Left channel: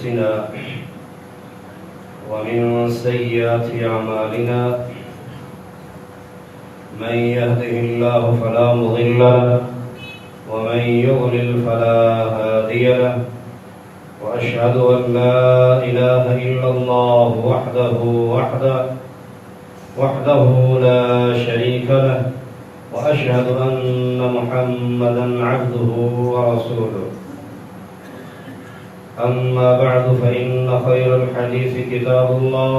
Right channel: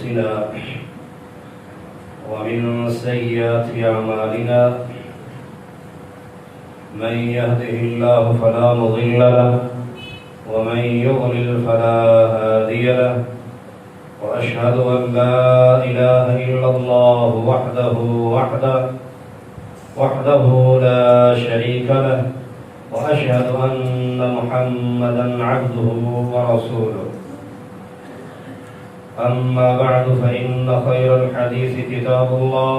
أنفسنا ومن سيئات أعمالنا من يهده الله فلا مضل له ومن يضلل فلا هادي له وأشهد أن لا إله إلا الله وحده لا شريك له وأشهد أن محمدا عبده ورسوله. أما بعد فإن خير الحديث كتاب الله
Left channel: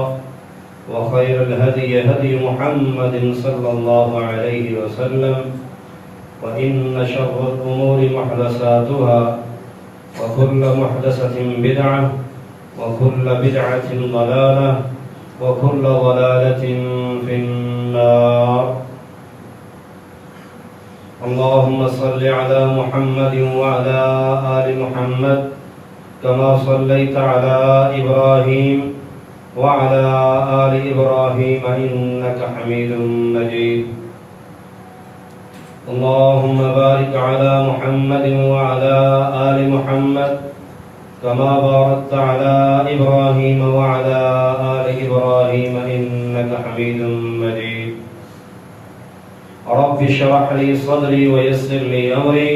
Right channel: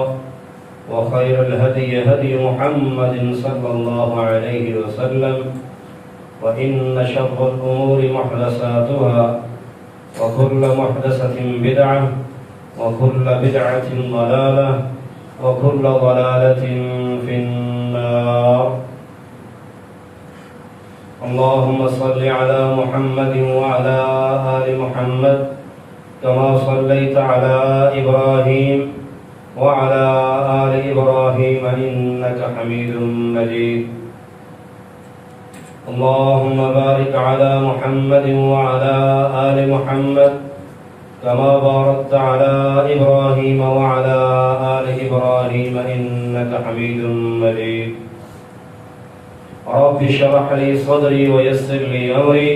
وخير الهدي هدي محمد صلى الله عليه وسلم وإن شر الأمور محدثاتها وكل محدثة بدعة وكل بدعة ضلالة وكل ضلالة في النار. اللهم صل على محمد وعلى آل محمد كما صليت على إبراهيم وعلى آل إبراهيم إنك حميد مجيد. اللهم بارك على محمد وعلى آل محمد كما باركت على إبراهيم وعلى آل إبراهيم إنك حميد مجيد. رب اشرح لي صدري ويسر لي أمري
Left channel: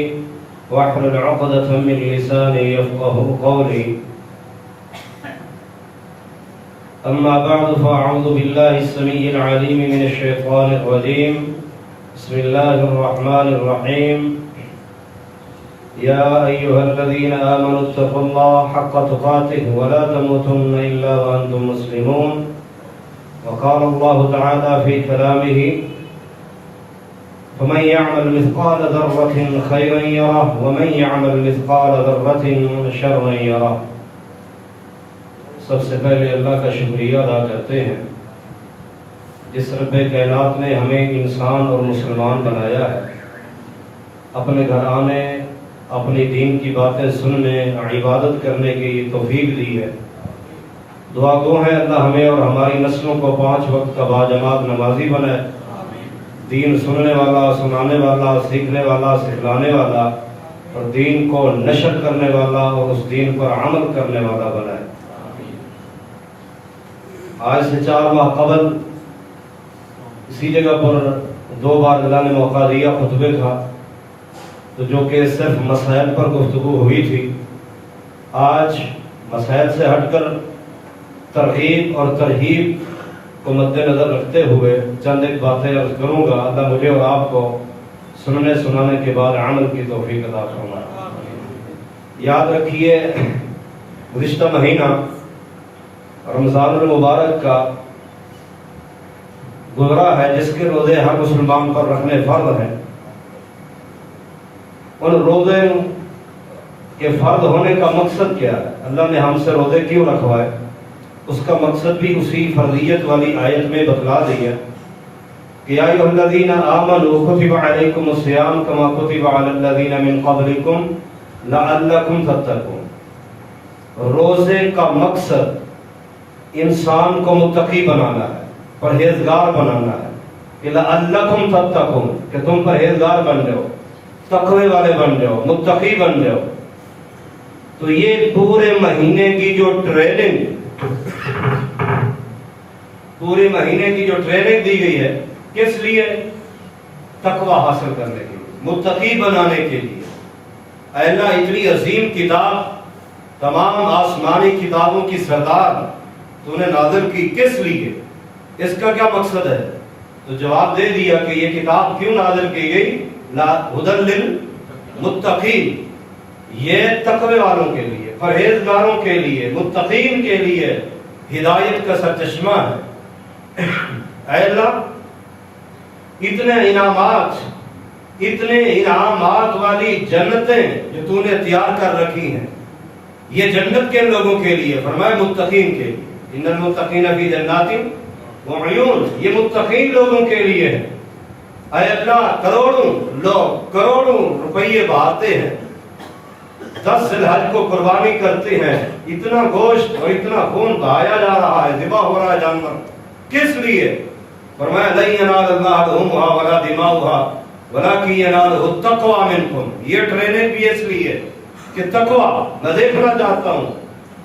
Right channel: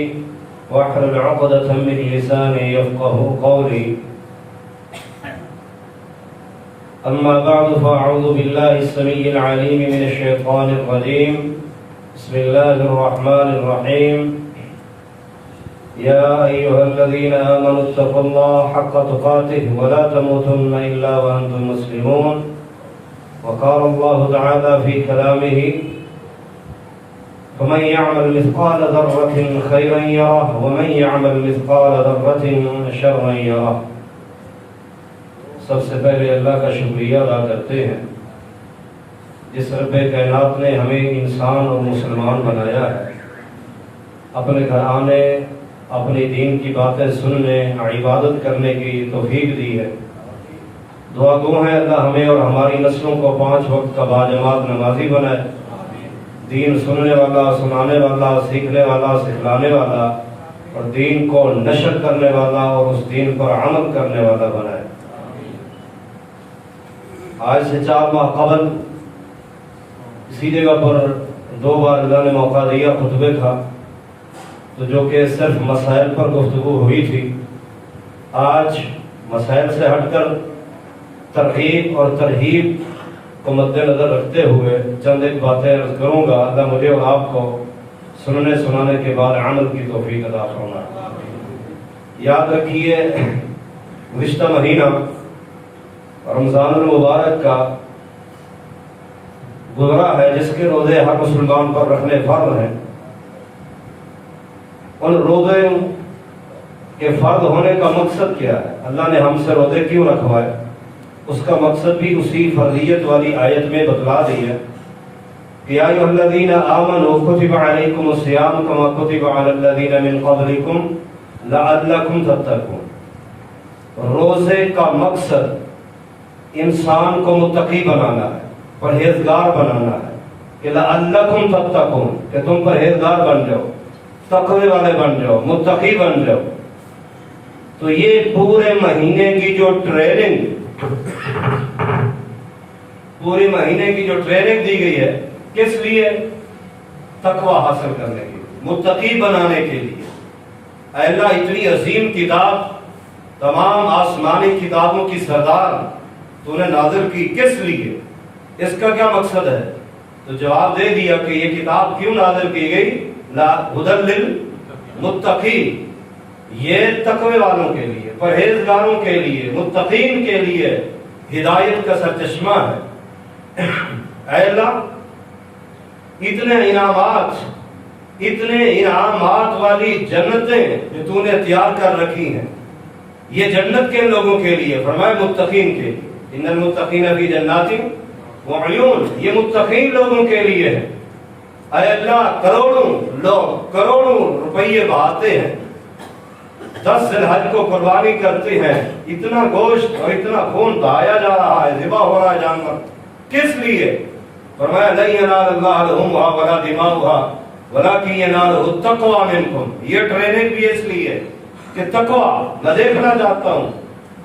واحلل عقدة من لساني يفقه قولي. أما بعد فأعوذ بالله السميع العليم من الشيطان الرجيم. بسم الله الرحمن الرحيم. يا أيها الذين آمنوا اتقوا الله حق تقاته ولا تموتن إلا وأنتم مسلمون. وقال الله تعالى في كلامه فمن يعمل مثقال ذرة خيرا يره ومن يعمل مثقال ذرة شرا يره. سب سے پہلے اللہ کا شکریہ ادا کرتے ہیں جس رب کائنات نے ہمیں انسان اور مسلمان بنایا ہے، اپنے گھرانے اپنی دین کی باتیں سننے عبادت کرنے کی توفیق دی ہے۔ دعا گو ہے اللہ ہمیں اور ہماری نسلوں کو 5 وقت کا باجماعت نمازی بنائے، دین سننے والا، سنانے والا، سیکھنے والا، سکھلانے والا اور دین کو نشر کرنے والا اور اس دین پر عمل کرنے والا بنائے۔ آج سے 4 ماہ قبل اسی جگہ پر 2 بار اللہ نے موقع دیا خطبے کا، تو جو کہ صرف مسائل پر گفتگو ہوئی تھی، آج مسائل سے ہٹ کر ترغیب اور ترہیب کو مد نظر رکھتے ہوئے چند ایک باتیں عرض کروں گا۔ اللہ مجھے اور آپ کو سننے سنانے کے بعد عمل کی توفیق عطا فرمائے۔ یاد رکھیے گزشتہ مہینہ رمضان المبارک کا گزرا ہے، جس کے روزے ہر مسلمان پر رکھنے فرض ہیں۔ ان روزے کے فرض ہونے کا مقصد کیا ہے؟ اللہ نے ہم سے روزے کیوں رکھوائے؟ اس کا مقصد بھی اسی فرضیت والی آیت میں بتلا دی ہے کہ یا ایھا الذین آمنوا کتب علیکم الصیام کما کتب علی الذین من قبلکم لعلکم تتقون۔ روزے کا مقصد انسان کو متقی بنانا ہے، پرہیزگار بنانا ہے کہ لعلکم تتقون، کہ تم پرہیزگار بن جاؤ، تقوی والے بن جاؤ، متقی بن جاؤ۔ تو یہ پورے مہینے کی جو ٹریننگ دی گئی ہے، کس لیے؟ تقوی حاصل کرنے کے لیے، متقی بنانے کے لیے۔ اے اللہ، اتنی عظیم کتاب، تمام آسمانی کتابوں کی سردار تو نے نازل کی، کس لیے؟ اس کا کیا مقصد ہے؟ تو جواب دے دیا کہ یہ کتاب کیوں نازل کی گئی؟ ھدی للمتقین، یہ تقوی والوں کے لیے، پرہیزگاروں کے لیے، متقین کے لیے ہدایت کا سرچشمہ ہے۔ اے اللہ، اتنے انعامات والی جنتیں جو تو نے تیار کر رکھی ہیں، یہ جنت کے لوگوں کے لیے، فرمائے متقین کے لیے، ان المتقین فی جنات وعیون، یہ متقین لوگوں کے لیے ہے۔ اے اللہ، کروڑوں لوگ کروڑوں روپیے بہاتے ہیں، 10 ذی الحج کو قربانی کرتے ہیں، اتنا گوشت اور اتنا خون بہایا جا رہا ہے، ذبح ہو رہا ہے جانور، کس لیے؟ فرمایا لن ینال اللہ لحومها ولا دماؤها ولکن ینالہ التقوی منکم۔ یہ ٹریننگ بھی اس لیے کہ تقوی میں دیکھنا چاہتا ہوں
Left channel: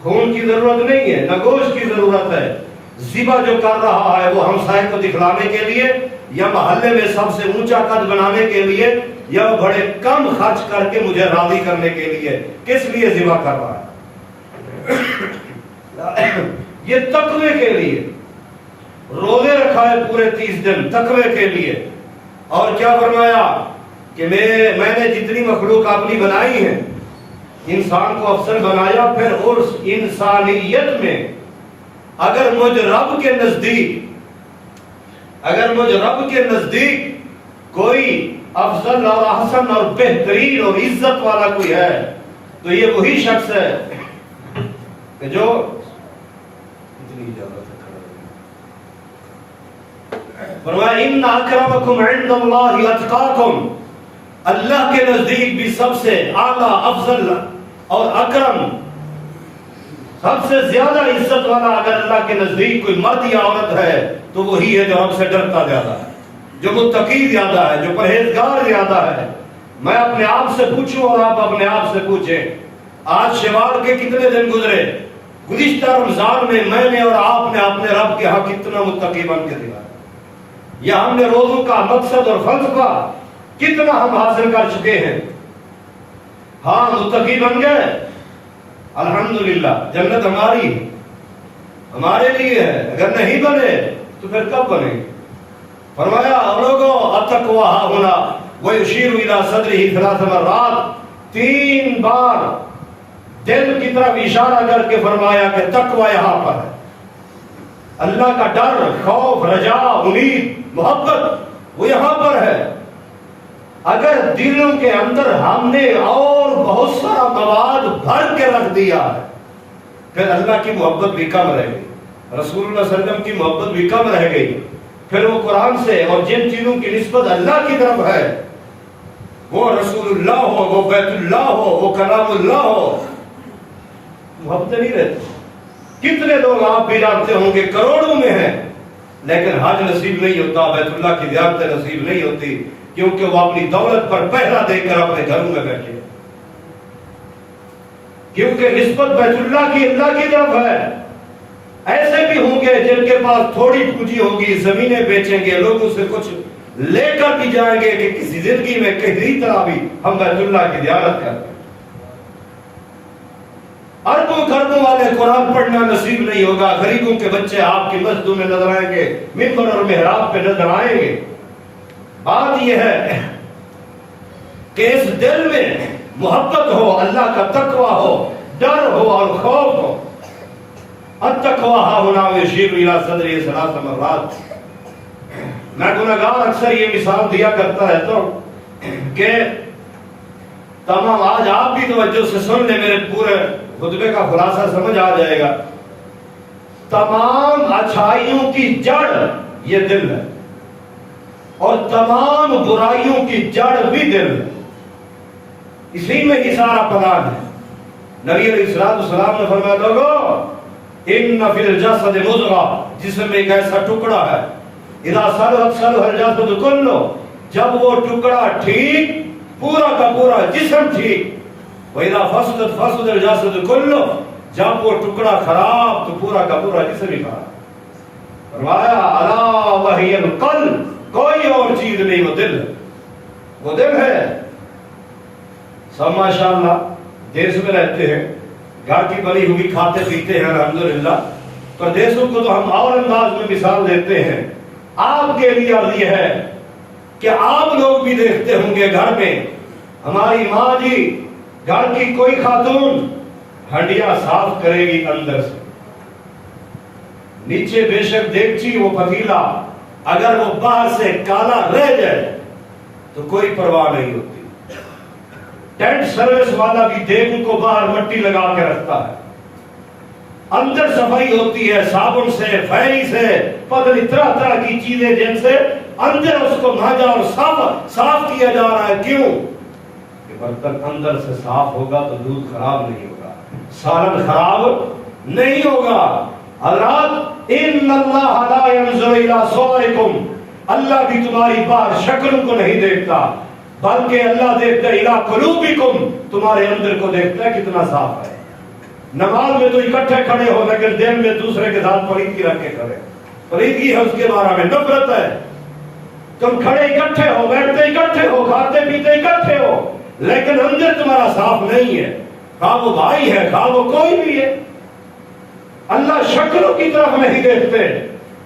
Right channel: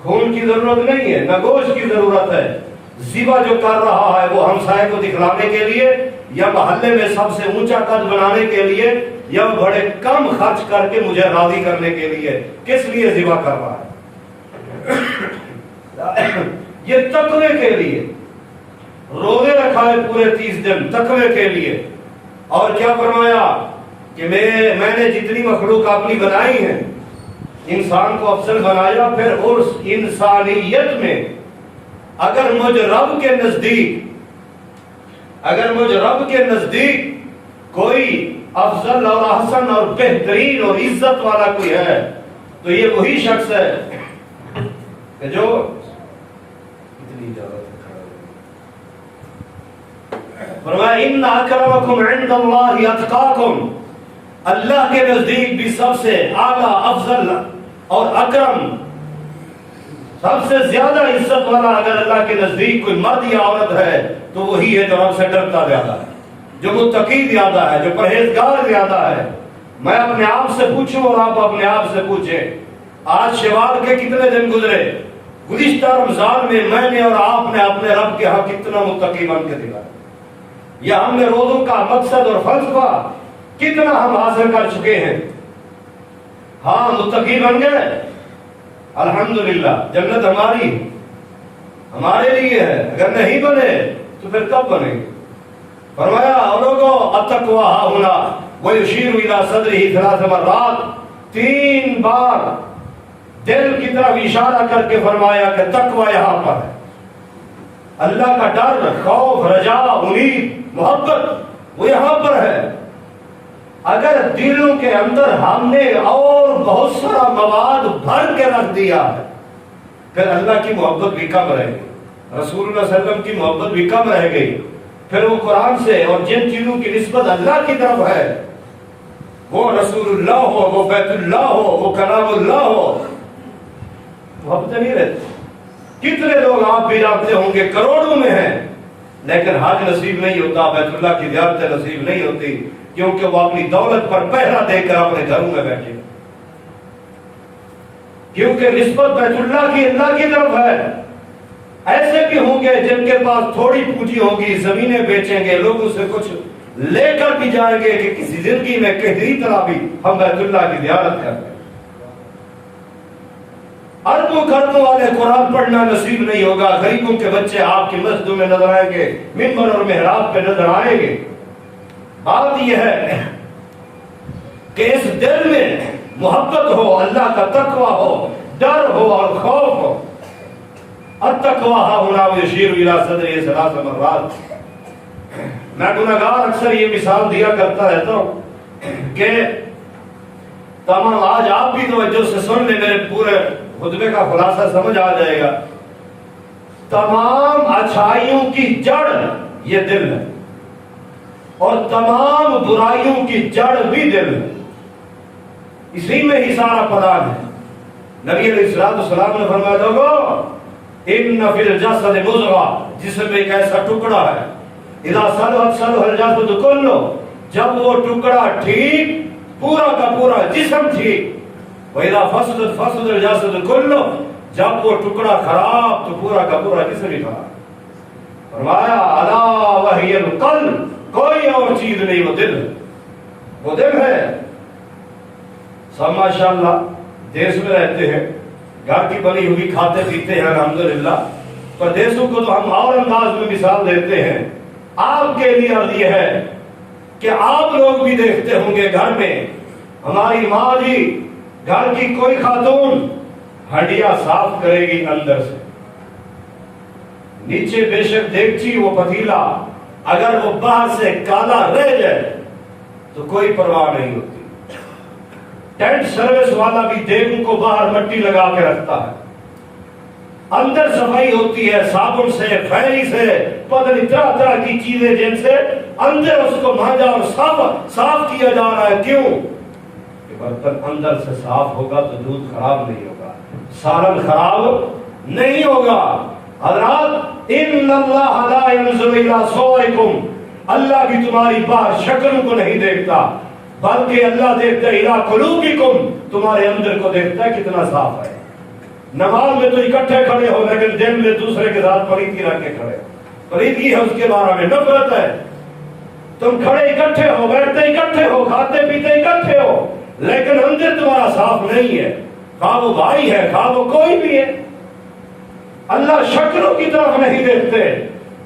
خون کی ضرورت نہیں ہے، نہ گوشت کی ضرورت ہے۔ ذبح جو کر رہا ہے وہ ہمسائے کو دکھلانے کے لیے، یا محلے میں سب سے اونچا قد بنانے کے لیے، یا بڑے کم خرچ کر کے مجھے راضی کرنے کے لیے، کس لیے ذبح کر رہا ہے؟ یہ تقوی کے لیے۔ روزے رکھا ہے پورے 30 دن تقوی کے لیے۔ اور کیا فرمایا کہ میں نے جتنی مخلوق اپنی بنائی ہے، انسان کو افضل بنایا، پھر اس انسانیت میں اگر مجھ رب کے نزدیک کوئی افضل اور احسن اور بہترین اور عزت والا کوئی ہے تو یہ وہی شخص ہے کہ جو اتنی فرمایا ان اکرمکم عند اللہ اتقاکم، اللہ کے نزدیک بھی سب سے اعلیٰ افضل اور اکرم، سب سے زیادہ عزت والا اگر اللہ کے نزدیک کوئی مرد یا عورت ہے تو وہی ہے جو ہم سے ڈرتا زیادہ ہے، جو متقی زیادہ ہے، جو پرہیزگار زیادہ ہے۔ میں اپنے آپ سے پوچھوں اور آپ اپنے آپ سے پوچھیں، آج شوال کے کتنے دن گزرے؟ گزشتہ رمضان میں نے اور آپ نے اپنے رب کے ہاں کتنا متقی بن کے دکھایا، یا ہم نے روزوں کا مقصد اور فلسفہ کتنا ہم حاصل کر چکے ہیں؟ ہاں متقی بن گئے، الحمدللہ، جنت ہماری ہے، ہمارے لیے ہے۔ اگر نہیں بنے تو پھر کب بنے گے؟ فرمایا لوگوں التقویٰ ہاہنا ویشیر الی صدرہ 3 مرات، 3 بار دل کی طرف اشارہ کر کے فرمایا کہ تقویٰ یہاں پر ہے۔ اللہ کا ڈر، خوف، رجا، امید، محبت وہ یہاں پر ہے۔ اگر دلوں کے اندر ہم نے اور بہت سارا مواد بھر کے رکھ دیا ہے پھر اللہ کی محبت بھی کم رہ گئی، رسول اللہ صلی اللہ علیہ وسلم کی محبت بھی کم رہ گئی۔ پھر وہ قرآن سے اور جن چیزوں کی نسبت اللہ کی طرف ہے، وہ رسول اللہ ہو، وہ بیت اللہ ہو، وہ کلام اللہ ہو، محبت نہیں رہتی۔ کتنے لوگ آپ بھی جانتے ہوں گے کروڑوں میں ہیں، لیکن حج نصیب نہیں ہوتا، بیت اللہ کی زیارت نصیب نہیں ہوتی، کیونکہ وہ اپنی دولت پر پہرا دے کر اپنے گھروں میں بیٹھے، کیونکہ نسبت بیت اللہ کی طرف ہے۔ ایسے بھی ہوں گے جن کے پاس تھوڑی پونجی ہوگی، زمینیں بیچیں گے، لوگوں سے کچھ لے کر بھی جائیں گے کہ کسی زندگی میں کسی طرح بھی ہم بیت اللہ کی زیارت کرتے ہیں۔ اربوں خربوں والے قرآن پڑھنا نصیب نہیں ہوگا، غریبوں کے بچے آپ کی مسجدوں میں نظر آئیں گے، منبر اور محراب پہ نظر آئیں گے۔ بات یہ ہے کہ اس دل میں محبت ہو، اللہ کا تقویٰ ہو، ڈر ہو اور خوف ہو۔ التقویٰ ہاہنا ویشیر الی صدرہ 3 مرات۔ میں گناہگار اکثر یہ مثال دیا کرتا رہتا ہوں کہ تمام، آج آپ بھی توجہ سے سن لیں، میرے پورے خطبے کا خلاصہ سمجھ آ جائے گا۔ تمام اچھائیوں کی جڑ یہ دل ہے، اور تمام برائیوں کی جڑ بھی دل ہے، اسی میں ہی سارا پلان ہے۔ نبی علیہ السلام نے فرمایا لوگو ان فی الجسد مضغہ، جسم میں ایک ایسا ٹکڑا ہے، اذا صلحت صلح الجسد کلہ، جب وہ ٹکڑا ٹھیک پورا کا پورا جسم ٹھیک، وَإِذَا فَسَدَتْ فَسَدَ الْجَسَدُ كُلُّهُ، جب وہ ٹکڑا خراب تو پورا کا پورا جسم ہی خراب۔ فرمایا الا وہی القلب، کوئی اور چیز نہیں، وہ دل ہے، وہ دل ہے۔ سب ماشاءاللہ دیس میں رہتے ہیں، گھر کی بنی ہوئی کھاتے پیتے ہیں الحمدللہ، پردیسوں کو تو ہم اور انداز میں مثال دیتے ہیں۔ آپ کے لیے عرض یہ ہے کہ آپ لوگ بھی دیکھتے ہوں گے گھر میں ہماری ماں جی، گھر کی کوئی خاتون ہنڈیا صاف کرے گی اندر سے، نیچے بے شک دیگچی وہ پتیلا اگر وہ باہر سے کالا رہ جائے تو کوئی پرواہ نہیں ہوتی۔ ٹینٹ سروس والا بھی دیگوں کو باہر مٹی لگا کے رکھتا ہے، اندر صفائی ہوتی ہے صابن سے، پھیلی سے، پتہ نہیں طرح طرح کی چیزیں جن سے اندر اس کو مانجا اور صاف کیا جا رہا ہے۔ کیوں؟ کہ برتن اندر سے صاف ہوگا تو دودھ خراب نہیں ہوگا، سالن خراب نہیں ہوگا۔ حضرات ان اللہ لا ينظر الى صورکم، اللہ بھی تمہاری باہر شکلوں کو نہیں دیکھتا، بلکہ اللہ دیکھتا ہے الی قلوبکم، تمہارے اندر کو دیکھتا ہے کتنا صاف ہے۔ نماز میں تو اکٹھے کھڑے ہو لیکن دل میں دوسرے کے ساتھ پلیدگی رکھ کے کھڑے. پلیدگی ہے اس کے بارے میں، نفرت ہے. تم کھڑے اکٹھے ہو، بیٹھتے اکٹھے ہو، کھاتے پیتے اکٹھے ہو، لیکن اندر تمہارا صاف نہیں ہے. خواہ وہ بھائی ہے، خواہ وہ کوئی بھی ہے. اللہ شکلوں کی طرف نہیں دیکھتے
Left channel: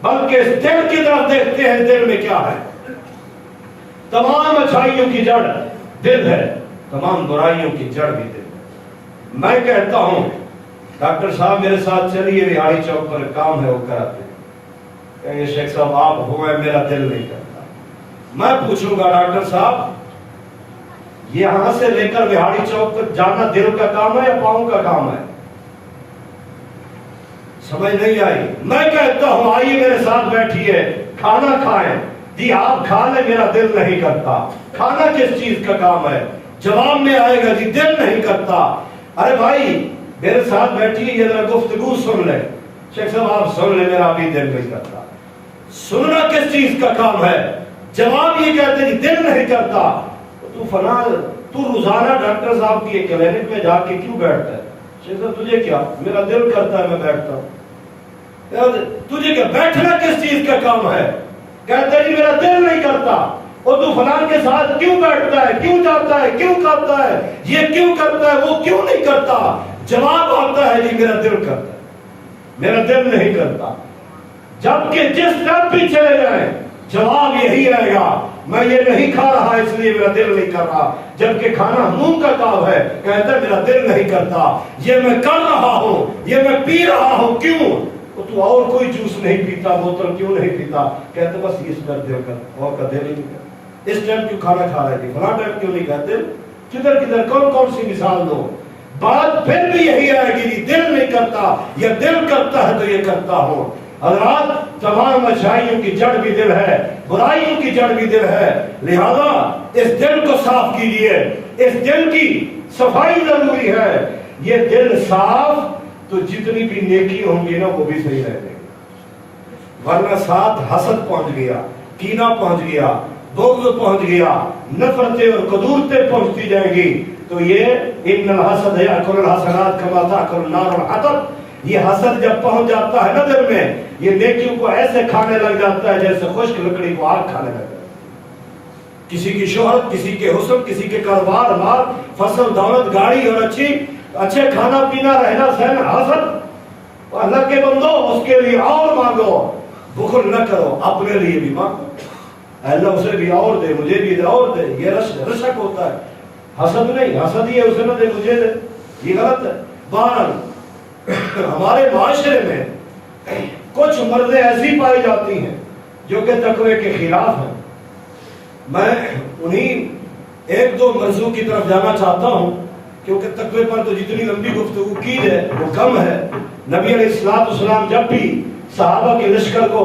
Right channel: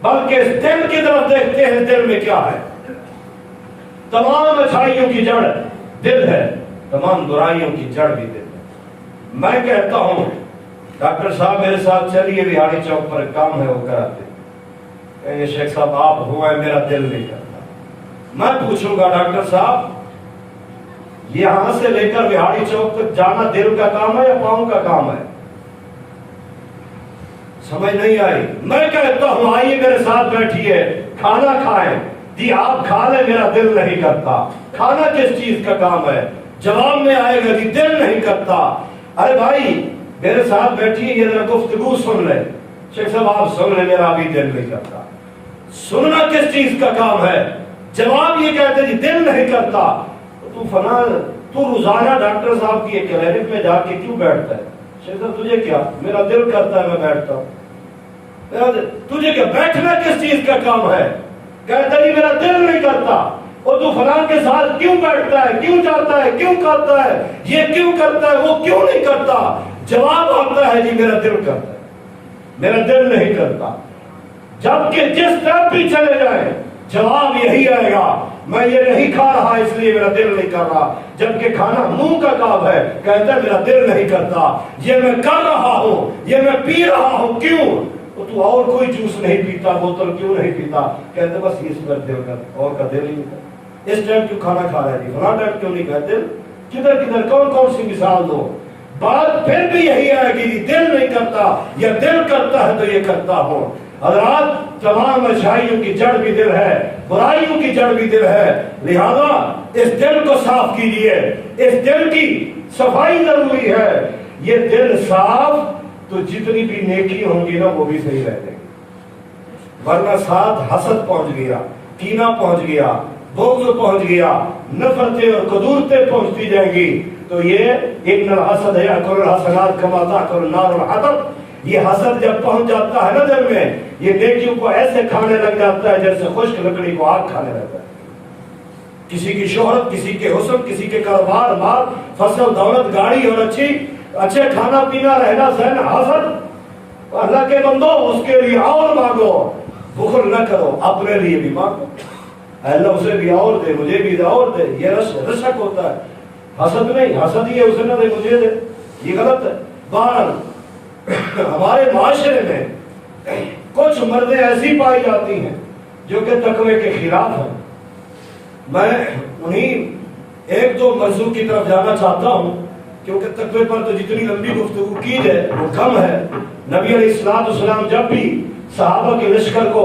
بلکہ اس دل کی طرف دیکھتے ہیں. دل میں کیا ہے؟ تمام اچھائیوں کی جڑ دل ہے، تمام برائیوں کی جڑ بھی دل. میں کہتا ہوں ڈاکٹر صاحب میرے ساتھ چلیے بہاڑی چوک پر کام ہے وہ کراتے. کہ شیخ صاحب آپ ہوا ہے، میرا دل نہیں کرتا. میں پوچھوں گا ڈاکٹر صاحب یہاں سے لے کر بہاڑی چوک تک جانا دل کا کام ہے یا پاؤں کا کام ہے؟ سمجھ نہیں آئی. میں کہتا ہوں آئیے میرے ساتھ بیٹھیے، کھانا کھائیں. جی آپ کھا لیں، میرا دل نہیں کرتا. کھانا کس چیز کا کام ہے؟ جواب میں آئے گا جی دل نہیں کرتا. ارے بھائی میرے ساتھ بیٹھیے، یہ ذرا گفتگو سن لیں. شیخ صاحب آپ سن لیں، میرا بھی دل نہیں کرتا. سننا کس چیز کا کام ہے؟ جواب یہ کہتے جی دل نہیں کرتا. تو فلاں تو روزانہ ڈاکٹر صاحب کی کلینک میں جا کے کیوں بیٹھتا ہے؟ شیخ صاحب تجھے کیا؟ میرا دل کرتا ہے میں بیٹھتا ہوں. تجھے کیا بیٹھنا کس چیز کا کام ہے؟ کہتا ہے میرا دل نہیں کرتا. اور تو فلاں کے ساتھ کیوں بیٹھتا ہے، کیوں جاتا ہے، کیوں کھاتا ہے، یہ کیوں کرتا ہے، وہ کیوں نہیں کرتا؟ جواب آتا ہے جی میرا دل کرتا ہے، میرا دل نہیں کرتا. جبکہ جس طرف بھی چلے جائیں جواب یہی آئے گا میں یہ نہیں کھا رہا اس لیے میرا دل نہیں کر رہا. جبکہ کھانا منہ کا کام ہے، کہتا ہے میرا دل نہیں کرتا. یہ میں کر رہا ہوں، یہ میں پی رہا ہوں، کیوں؟ تو اور کوئی جوس نہیں پیتا، بوتل کیوں نہیں پیتا؟ کہتے بس اس پر دل کر، اور کا دل نہیں کرتا. اس ٹائم کیوں کھانا کھا رہے تھے، فلاں ٹائم کیوں نہیں کھاتے؟ کدھر کدھر کون کون سی مثال دو؟ بات پھر بھی یہی آئے گی جی دل نہیں کرتا یا دل کرتا ہے تو یہ کرتا ہوں. حضرات تمام اچھائیوں کی جڑ بھی دل ہے، برائیوں کی جڑ بھی دل ہے. لہذا اس دل کو صاف کیجئے، اس دل کی صفائی ضروری ہے. یہ دل صاف تو جتنی بھی نیکی ہوں گی نا وہ بھی صحیح رہ جائے گی. ورنہ ساتھ حسد پہنچ گیا، کینہ پہنچ گیا، بغض پہنچ گیا، نفرتیں اور قدورتیں پہنچتی جائیں گی. تو یہ ان الحسد یاکل الحسنات کما تاکل النار الحطب، یہ حسد جب پہنچ جاتا ہے نا دل میں، یہ نیکیوں کو ایسے کھانے لگ جاتا ہے جیسے خشک لکڑی کو آگ کھانے لگ جاتا ہے. کسی کی شہرت، کسی کے حسن، کسی کے کاروبار، مال، فصل، دولت، گاڑی اور اچھے کھانا پینا، رہنا سہنا، حسد. اللہ کے بندو اس کے لیے اور مانگو، بخل نہ کرو، اپنے لیے بھی مانگو. اللہ اسے بھی اور دے، مجھے بھی اور دے. یہ رشک ہوتا ہے، حسد نہیں. حسد یہ اسے نہ دے مجھے دے، یہ غلط ہے. بہرحال ہمارے معاشرے میں کچھ مردیں ایسی پائی جاتی ہیں جو کہ تقوی کے خلاف ہیں. میں انہیں ایک دو موضوع کی طرف جانا چاہتا ہوں کیونکہ تقوی پر تو جتنی لمبی گفتگو کی ہے وہ کم ہے. نبی علیہ السلام جب بھی صحابہ کے لشکر کو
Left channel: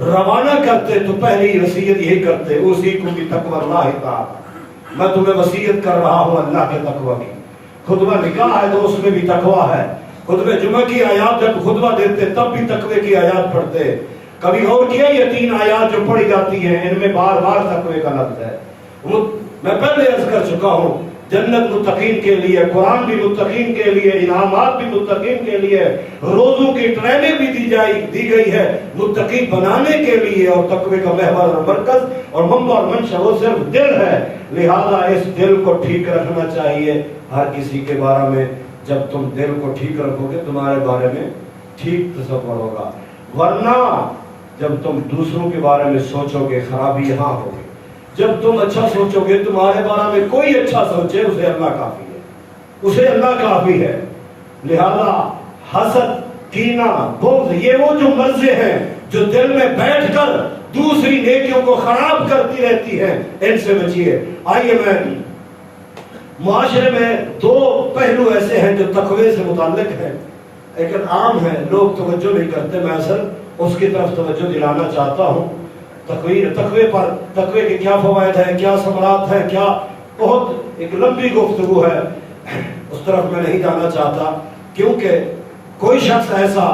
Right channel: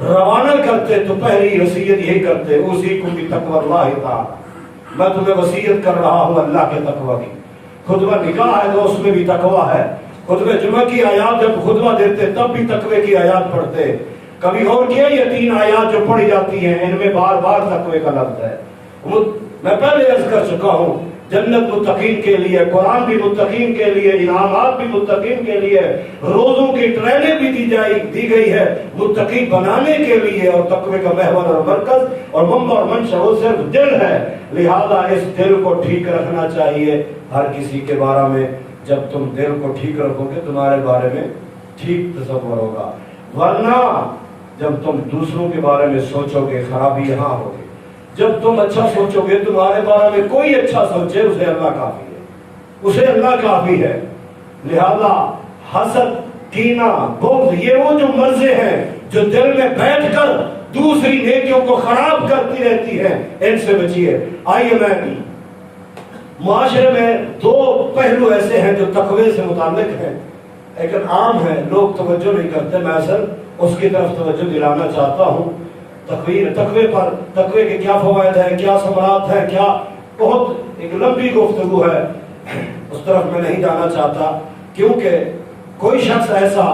روانہ کرتے تو پہلی وصیت یہی کرتے، اوصیکم بتقوی اللہ تعالی، میں تمہیں وصیت کر رہا ہوں اللہ کے تقوی کی. خطبہ نکاح ہے تو اس میں بھی تقوی ہے. خطبہ جمعہ کی آیات جب خطبہ دیتے تب بھی تقوی کی آیات پڑھتے. کبھی اور کیا یہ 3 آیات جو پڑھی جاتی ہیں ان میں بار بار تقوی کا لفظ ہے. میں پہلے عرض کر چکا ہوں جنت متقین کے لیے، قرآن بھی متقین کے لیے، انعامات بھی متقین کے لیے، روزوں کی ٹریننگ بھی دی گئی ہے متقی بنانے کے لیے. اور تقوی کا محور اور مرکز اور منبع اور منشا وہ صرف دل ہے. لہذا اس دل کو ٹھیک رکھنا چاہیے ہر کسی کے بارے میں. جب تم دل کو ٹھیک رکھو گے تمہارے بارے میں ٹھیک تصور ہوگا. ورنہ جب تم دوسروں کے بارے میں سوچو گے خرابی یہاں ہوگی. جب تم اچھا سوچو گے تمہارے بارے میں کوئی اچھا سوچے اسے اللہ کافی ہے، اسے اللہ کافی ہے. لہذا حسد، کینہ، بغض یہ وہ جو مرضیں ہیں جو دل میں بیٹھ کر دوسری نیکیوں کو خراب کرتی رہتی ہیں، ان سے بچیے. آئیے میں معاشرے میں 2 پہلو ایسے ہیں جو تقوی سے متعلق ہیں لیکن عام ہیں، لوگ توجہ نہیں کرتے. میں اصل اس کی طرف توجہ دلانا چاہتا ہوں. تقوی پر، تقوی کے کیا فوائد ہیں، کیا ثمرات ہیں، کیا بہت ایک لمبی گفتگو ہے، اس طرف میں نہیں جانا چاہتا. کیونکہ کوئی شخص ایسا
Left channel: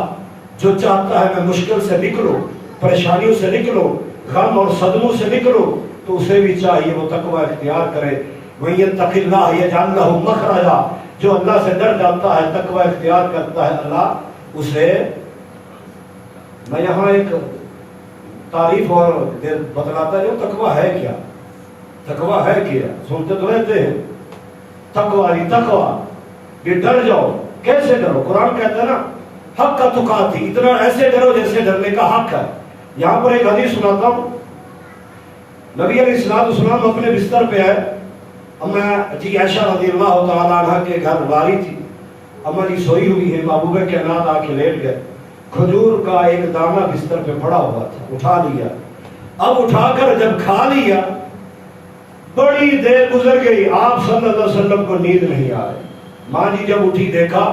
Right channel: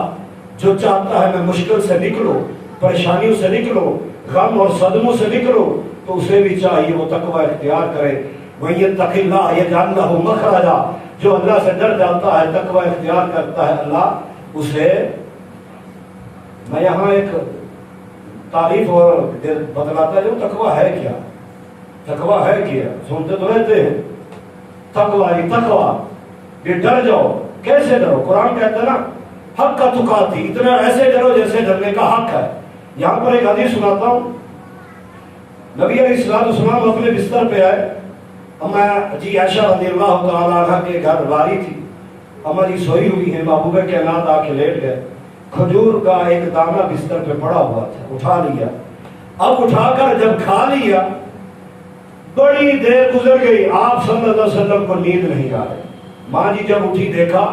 جو چاہتا ہے میں مشکل سے نکلوں، پریشانیوں سے نکلوں، غم اور صدموں سے نکلوں، تو اسے بھی چاہیے وہ تقوی اختیار کرے. وَيَتَّقِ اللَّهَ يَجْعَلْ لَهُ مَخْرَجًا، جو اللہ سے ڈر جاتا ہے، تقوی اختیار کرتا ہے، اللہ اسے، میں یہاں ایک تعریف اور بتلاتا ہوں، تقوی ہے کیا؟ تقوی ہے کیا؟ سنتے تو رہتے ہیں تقوی، یہ ڈر جاؤ۔ کیسے ڈرو؟ قرآن کہتا ہے نا حق کا تقاتی، اتنا ایسے ڈرو جیسے ڈرنے کا حق ہے۔ یہاں پر ایک حدیث سناتا ہوں، نبی علیہ السلام اپنے بستر پہ آئے، اما جی عائشہ رضی اللہ تعالیٰ عنہ کے گھر واری تھی، اما جی سوئی ہوئی ہیں، محبوب کائنات آ کے لیٹ گئے، کھجور کا ایک دانہ بستر پہ پڑا ہوا تھا، اٹھا لیا۔ اب اٹھا کر جب کھا لیا، بڑی دیر گزر گئی، آپ صلی اللہ علیہ وسلم کو نیند نہیں آ رہی۔ ماں جی جب اٹھی دیکھا،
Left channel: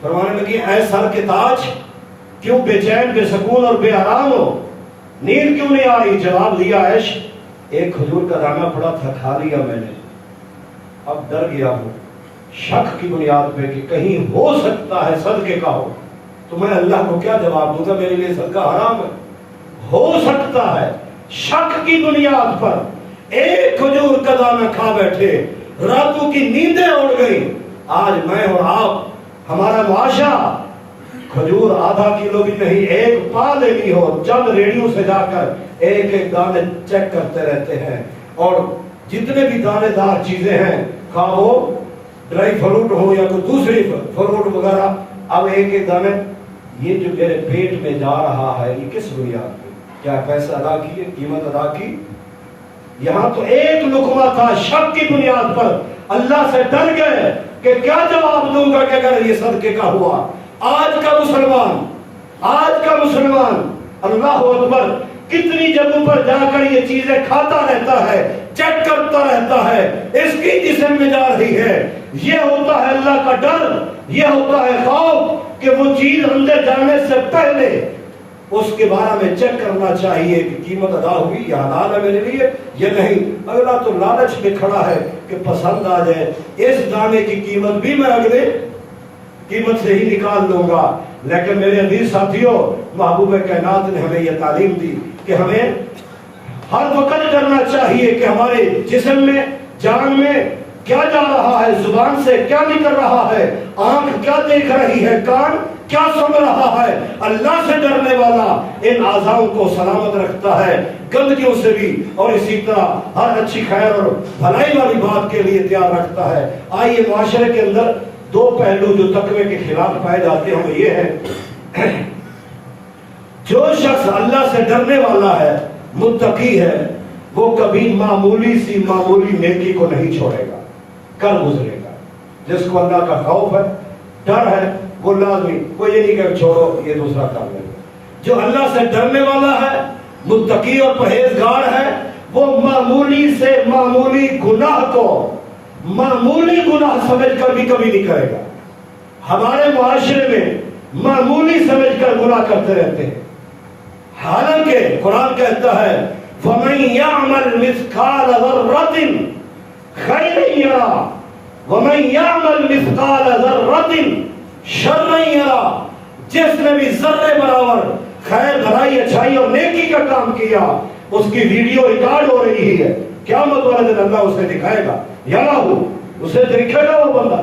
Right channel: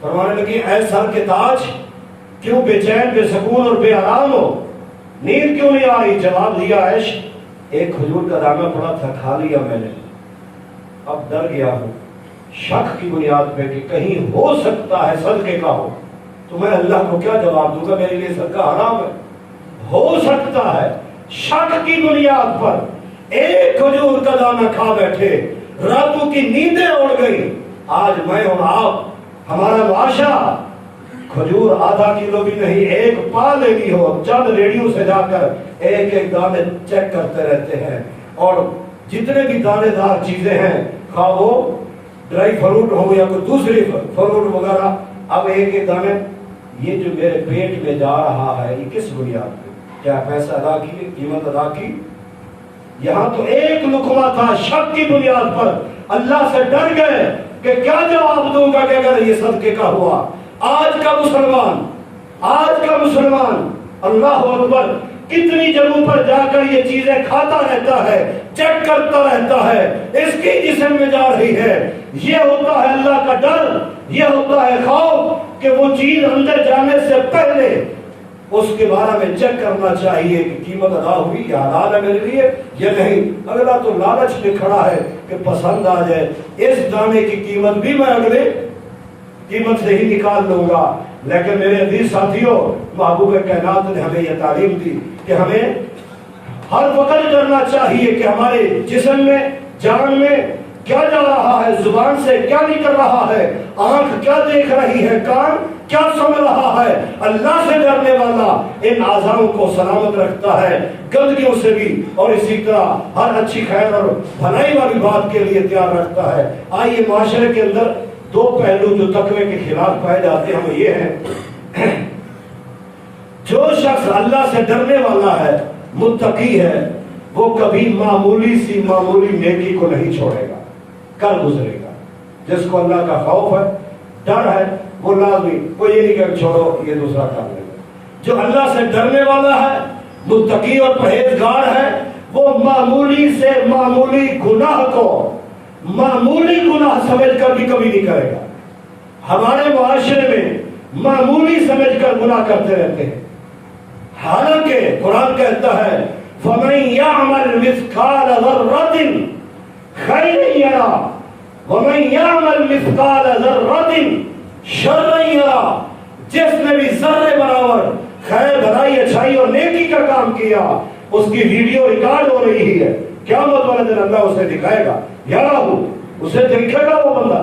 فرمانے لگی اے سر کے تاج، کیوں بے چین، بے سکون اور بے آرام ہو؟ نیند کیوں نہیں آ رہی؟ جواب دیا عائش، ایک کھجور کا دانہ پڑا تھا، کھا لیا میں نے، اب ڈر گیا ہوں شک کی بنیاد پہ کہ کہیں ہو سکتا ہے صدقے کا ہو، تو میں اللہ کو کیا جواب دوں گا؟ میرے لیے صدقہ حرام ہے۔ ہو سکتا ہے شک کی بنیاد پر ایک کھجور کا دانہ کھا بیٹھے، راتوں کی نیندیں اڑ گئی۔ آج میں اور آپ، ہمارا معاشرہ کھجور آدھا کلو بھی نہیں، ایک پا لینی ہو، چند ریڈیو سے جا کر ایک ایک دانے چیک کرتے رہتے ہیں، اور جتنے بھی دانے دار چیزیں ہیں، خواہ وہ ڈرائی فروٹ ہو یا کوئی دوسری فروٹ وغیرہ، اب ایک ایک دانے، یہ جو میرے پیٹ میں جا رہا ہے یہ کس بنیاد پہ؟ کیا پیسہ ادا کیے، قیمت ادا کی؟ یہاں تو ایک لقمہ تھا، شک کی بنیاد پر اللہ سے ڈر گئے کہ کیا جواب دوں گا کہ اگر یہ صدقے کا ہوا۔ آج کا مسلمان اللہ اکبر کتنی جگہوں پر جا کر یہ چیزیں کھاتا رہتا ہے، چیک کرتا رہتا ہے، اس کی جسم میں جا رہی ہے۔ یہ ہوتا ہے اللہ کا ڈر، یہ ہوتا ہے خوف کہ وہ چیز اندر جانے سے پہلے اس کے بارے میں چیک کرنا چاہیے کہ قیمت ادا ہوئی، یا حلال ہے میرے لیے یا نہیں۔ اگلا تو لالچ میں کھڑا ہے کہ پسند آ جائے، اس دانے کی قیمت بھی میں اگلے قیمت سے ہی نکال لوں گا۔ لیکن میرے عزیز ساتھیوں، محبوب کائنات نے ہمیں یہ تعلیم دی کہ ہمیں ہر وقت ڈرنا چاہیے کہ ہمارے جسم میں، جان میں کیا جا رہا ہے، زبان سے کیا نکل رہا ہے، آنکھ کیا دیکھ رہی ہے، کان کیا سن رہا ہے۔ اللہ سے ڈرنے والا ان اعضاؤں کو سلامت رکھتا ہے گندگیوں سے بھی، اور اسی طرح ہر اچھی خیر اور بھلائی والی بات کے لیے تیار رکھتا ہے۔ آئیے معاشرے کے اندر دو پہلو جو تقوی کے خلاف پائے جاتے ہیں وہ یہ ہے، جو شخص اللہ سے ڈرنے والا ہے، متقی ہے، وہ کبھی معمولی سی معمولی نیکی کو نہیں چھوڑے گا، کل گزرے گا۔ جس کو اللہ کا خوف ہے، ڈر ہے، وہ لازمی، وہ یہ نہیں کہ چھوڑو یہ دوسرا کام نہیں۔ جو اللہ سے ڈرنے والا ہے، متقی اور پرہیزگار ہے، وہ معمولی سے معمولی گناہ کو معمولی گناہ سمجھ کر بھی کبھی نہیں کرے گا۔ ہمارے معاشرے میں معمولی سمجھ کر گناہ کرتے رہتے ہیں، حالانکہ قرآن کہتا ہے وَمَن يَعْمَلْ مِثْقَالَ ذَرَّةٍ خَيْرًا يَرَهُ وَمَن يَعْمَلْ مِثْقَالَ ذَرَّةٍ شَرًّا يَرَهُ۔ جس نے بھی ذرے برابر خیر، بھلائی، اچھائی اور نیکی کا کام کیا، اس کی ویڈیو ریکارڈ ہو رہی ہے، قیامت والے دن اللہ اسے دکھائے گا، یارہو اسے دیکھے گا وہ بندہ۔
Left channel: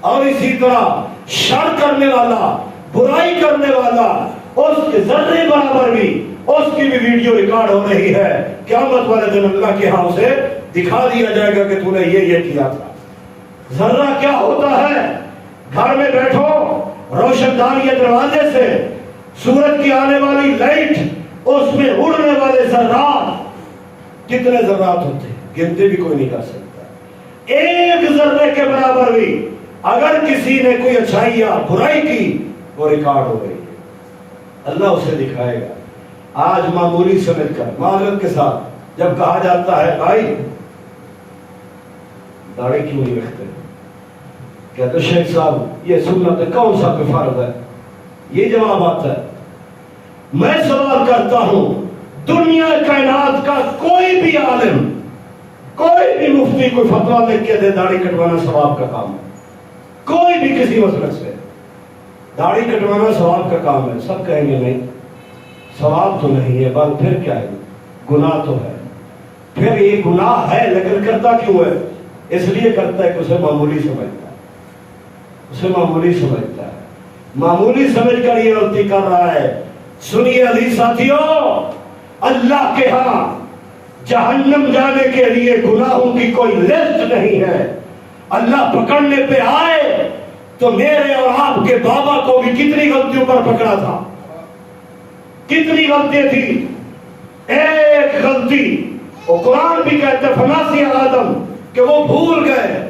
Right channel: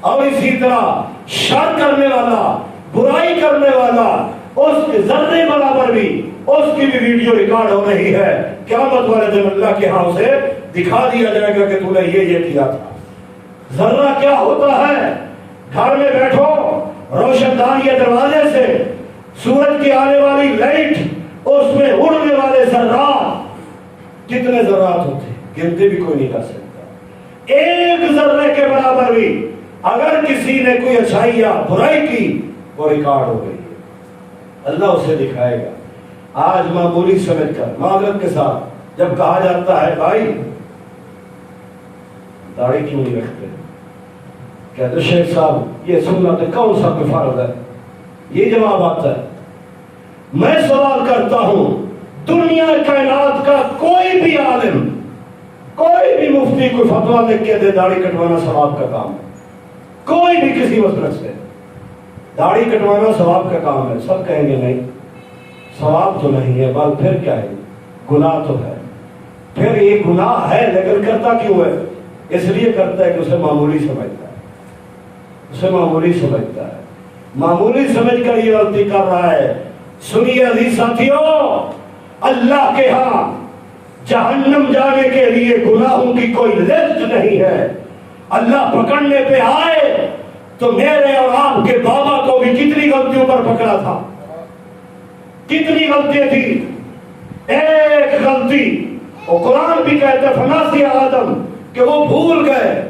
اور اسی طرح شر کرنے والا، برائی کرنے والا، اس کے ذرے برابر بھی اس کی بھی ویڈیو ریکارڈ ہو رہی ہے، قیامت والے دن اللہ کے ہاں اسے دکھا دیا جائے گا کہ تو نے یہ کیا تھا۔ ذرہ کیا ہوتا ہے؟ گھر میں بیٹھو، روشن دان یہ دروازے سے سورج کی آنے والی لائٹ، اس میں اڑنے والے ذرات، کتنے ذرات ہوتے ہیں گنتے بھی کوئی نہیں کر سکتا۔ ایک ذرے کے برابر بھی اگر کسی نے کوئی اچھائی یا برائی کی، وہ ریکارڈ ہو گئی ہے، اللہ اسے دکھائے گا۔ آج معمولی سمجھ کر معذرت کے ساتھ جب کہا جاتا ہے بھائی داڑھی کیوں نہیں رکھتے، کہتے شیخ صاحب یہ سنت ہے، کون سا کوئی فرض ہے؟ یہ جواب آتا ہے، میں سوال کرتا ہوں دنیا کائنات کا کوئی بھی عالم، کوئی بھی مفتی کوئی فتویٰ لکھ کے دے داڑھی کٹوانا ثواب کا کام ہے، کوئی بھی کسی مسلک سے داڑھی کٹوانا ثواب کا کام ہے، سب کہیں گے نہیں ثواب تو نہیں ہے، بل پھر کیا ہے؟ گناہ تو ہے۔ پھر یہ گناہ ہے لیکن کرتا کیوں ہے؟ اس لیے کرتا ہے کہ اسے معمولی سمجھتا ہے۔ اسے معمولی سمجھتا ہے، معمولی سمجھ کر یہ غلطی کر رہا ہے۔ سنیے عزیز ساتھیوں، اللہ کے ہاں جہنم جانے کے لیے گناہوں کی کوئی لسٹ نہیں ہے۔ اللہ پکڑنے پہ آئے تو میرے اور آپ کے بابا کو بھی کتنی غلطیوں پر پکڑا تھا، کتنی غلطی تھی۔ ایک غلطی، اور قرآن بھی کہتا ہے فناسی آدم، کہ وہ بھول گئے،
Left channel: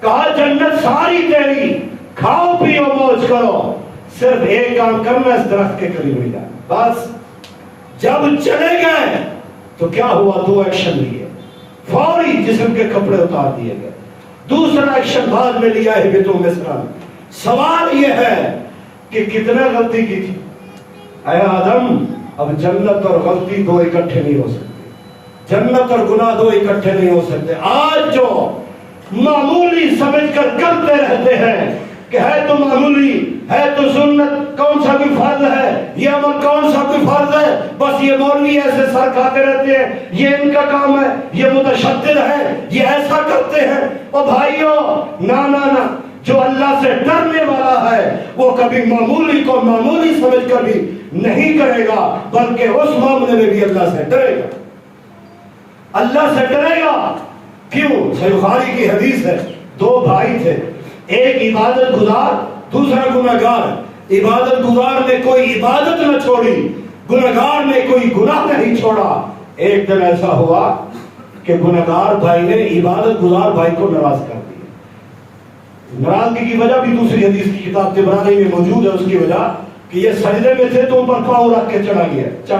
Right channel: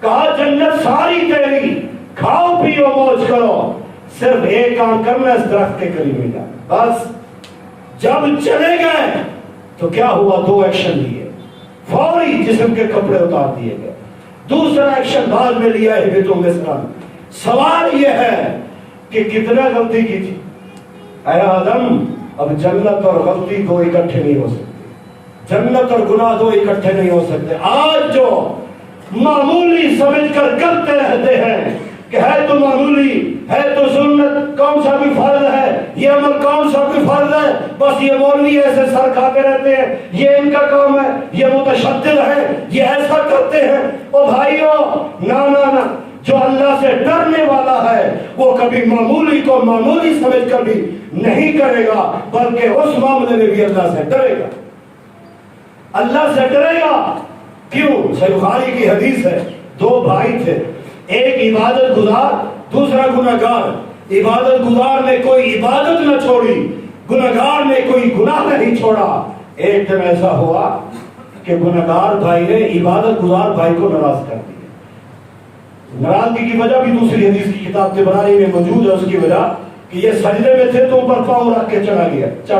کہا جنت ساری تیری، کھاؤ پیو موج کرو، صرف ایک کام کرنا، اس درخت کے قریب نہیں جانا۔ بس جب چلے گئے تو کیا ہوا؟ دو ایکشن لیے، فوری جسم کے کپڑے اتار دیے گئے۔ دوسرا ایکشن بعد میں لیا ہے بیتوں میں اسلام۔ سوال یہ ہے کہ کتنا غلطی کی تھی؟ اے آدم، اب جنت اور غلطی دو اکٹھے نہیں ہو سکتے، جنت اور گناہ دو اکٹھے نہیں ہو سکتے۔ آج جو معمولی سمجھ کر کرتے رہتے ہیں کہ ہے تو معمولی، ہے تو سنت، کون سا بھی فرض ہے، یہ عمل کون سا بھی فرض ہے، بس یہ مولوی ایسے سر کھاتے رہتے ہیں، یہ ان کا کام ہے، یہ متشدد ہے، یہ ایسا کرتے ہیں۔ او بھائیو، نا، جو اللہ سے ڈرنے والا ہے وہ کبھی معمولی کو معمولی سمجھ کر بھی نہیں کرے گا، بلکہ اس معاملے میں بھی اللہ سے ڈرے گا، اللہ سے ڈرے گا۔ کیوں؟ صحیح بخاری کی حدیث ہے، دو بھائی تھے، ایک عبادت گزار، دوسرا گناہگار۔ عبادت گزار نے کوئی عبادت نہ چھوڑی، گناہگار نے کوئی گناہ نہیں چھوڑا۔ ایک دن ایسا ہوا کہ گناہگار بھائی نے عبادت گزار بھائی کو ناراض کر دیا۔ ناراضگی کی وجہ بھی دوسری حدیث کی کتاب طبرانی میں موجود ہے، اس کی وجہ کہ یہ سجدے میں تھے تو اوپر پاؤں رکھ کے چڑھ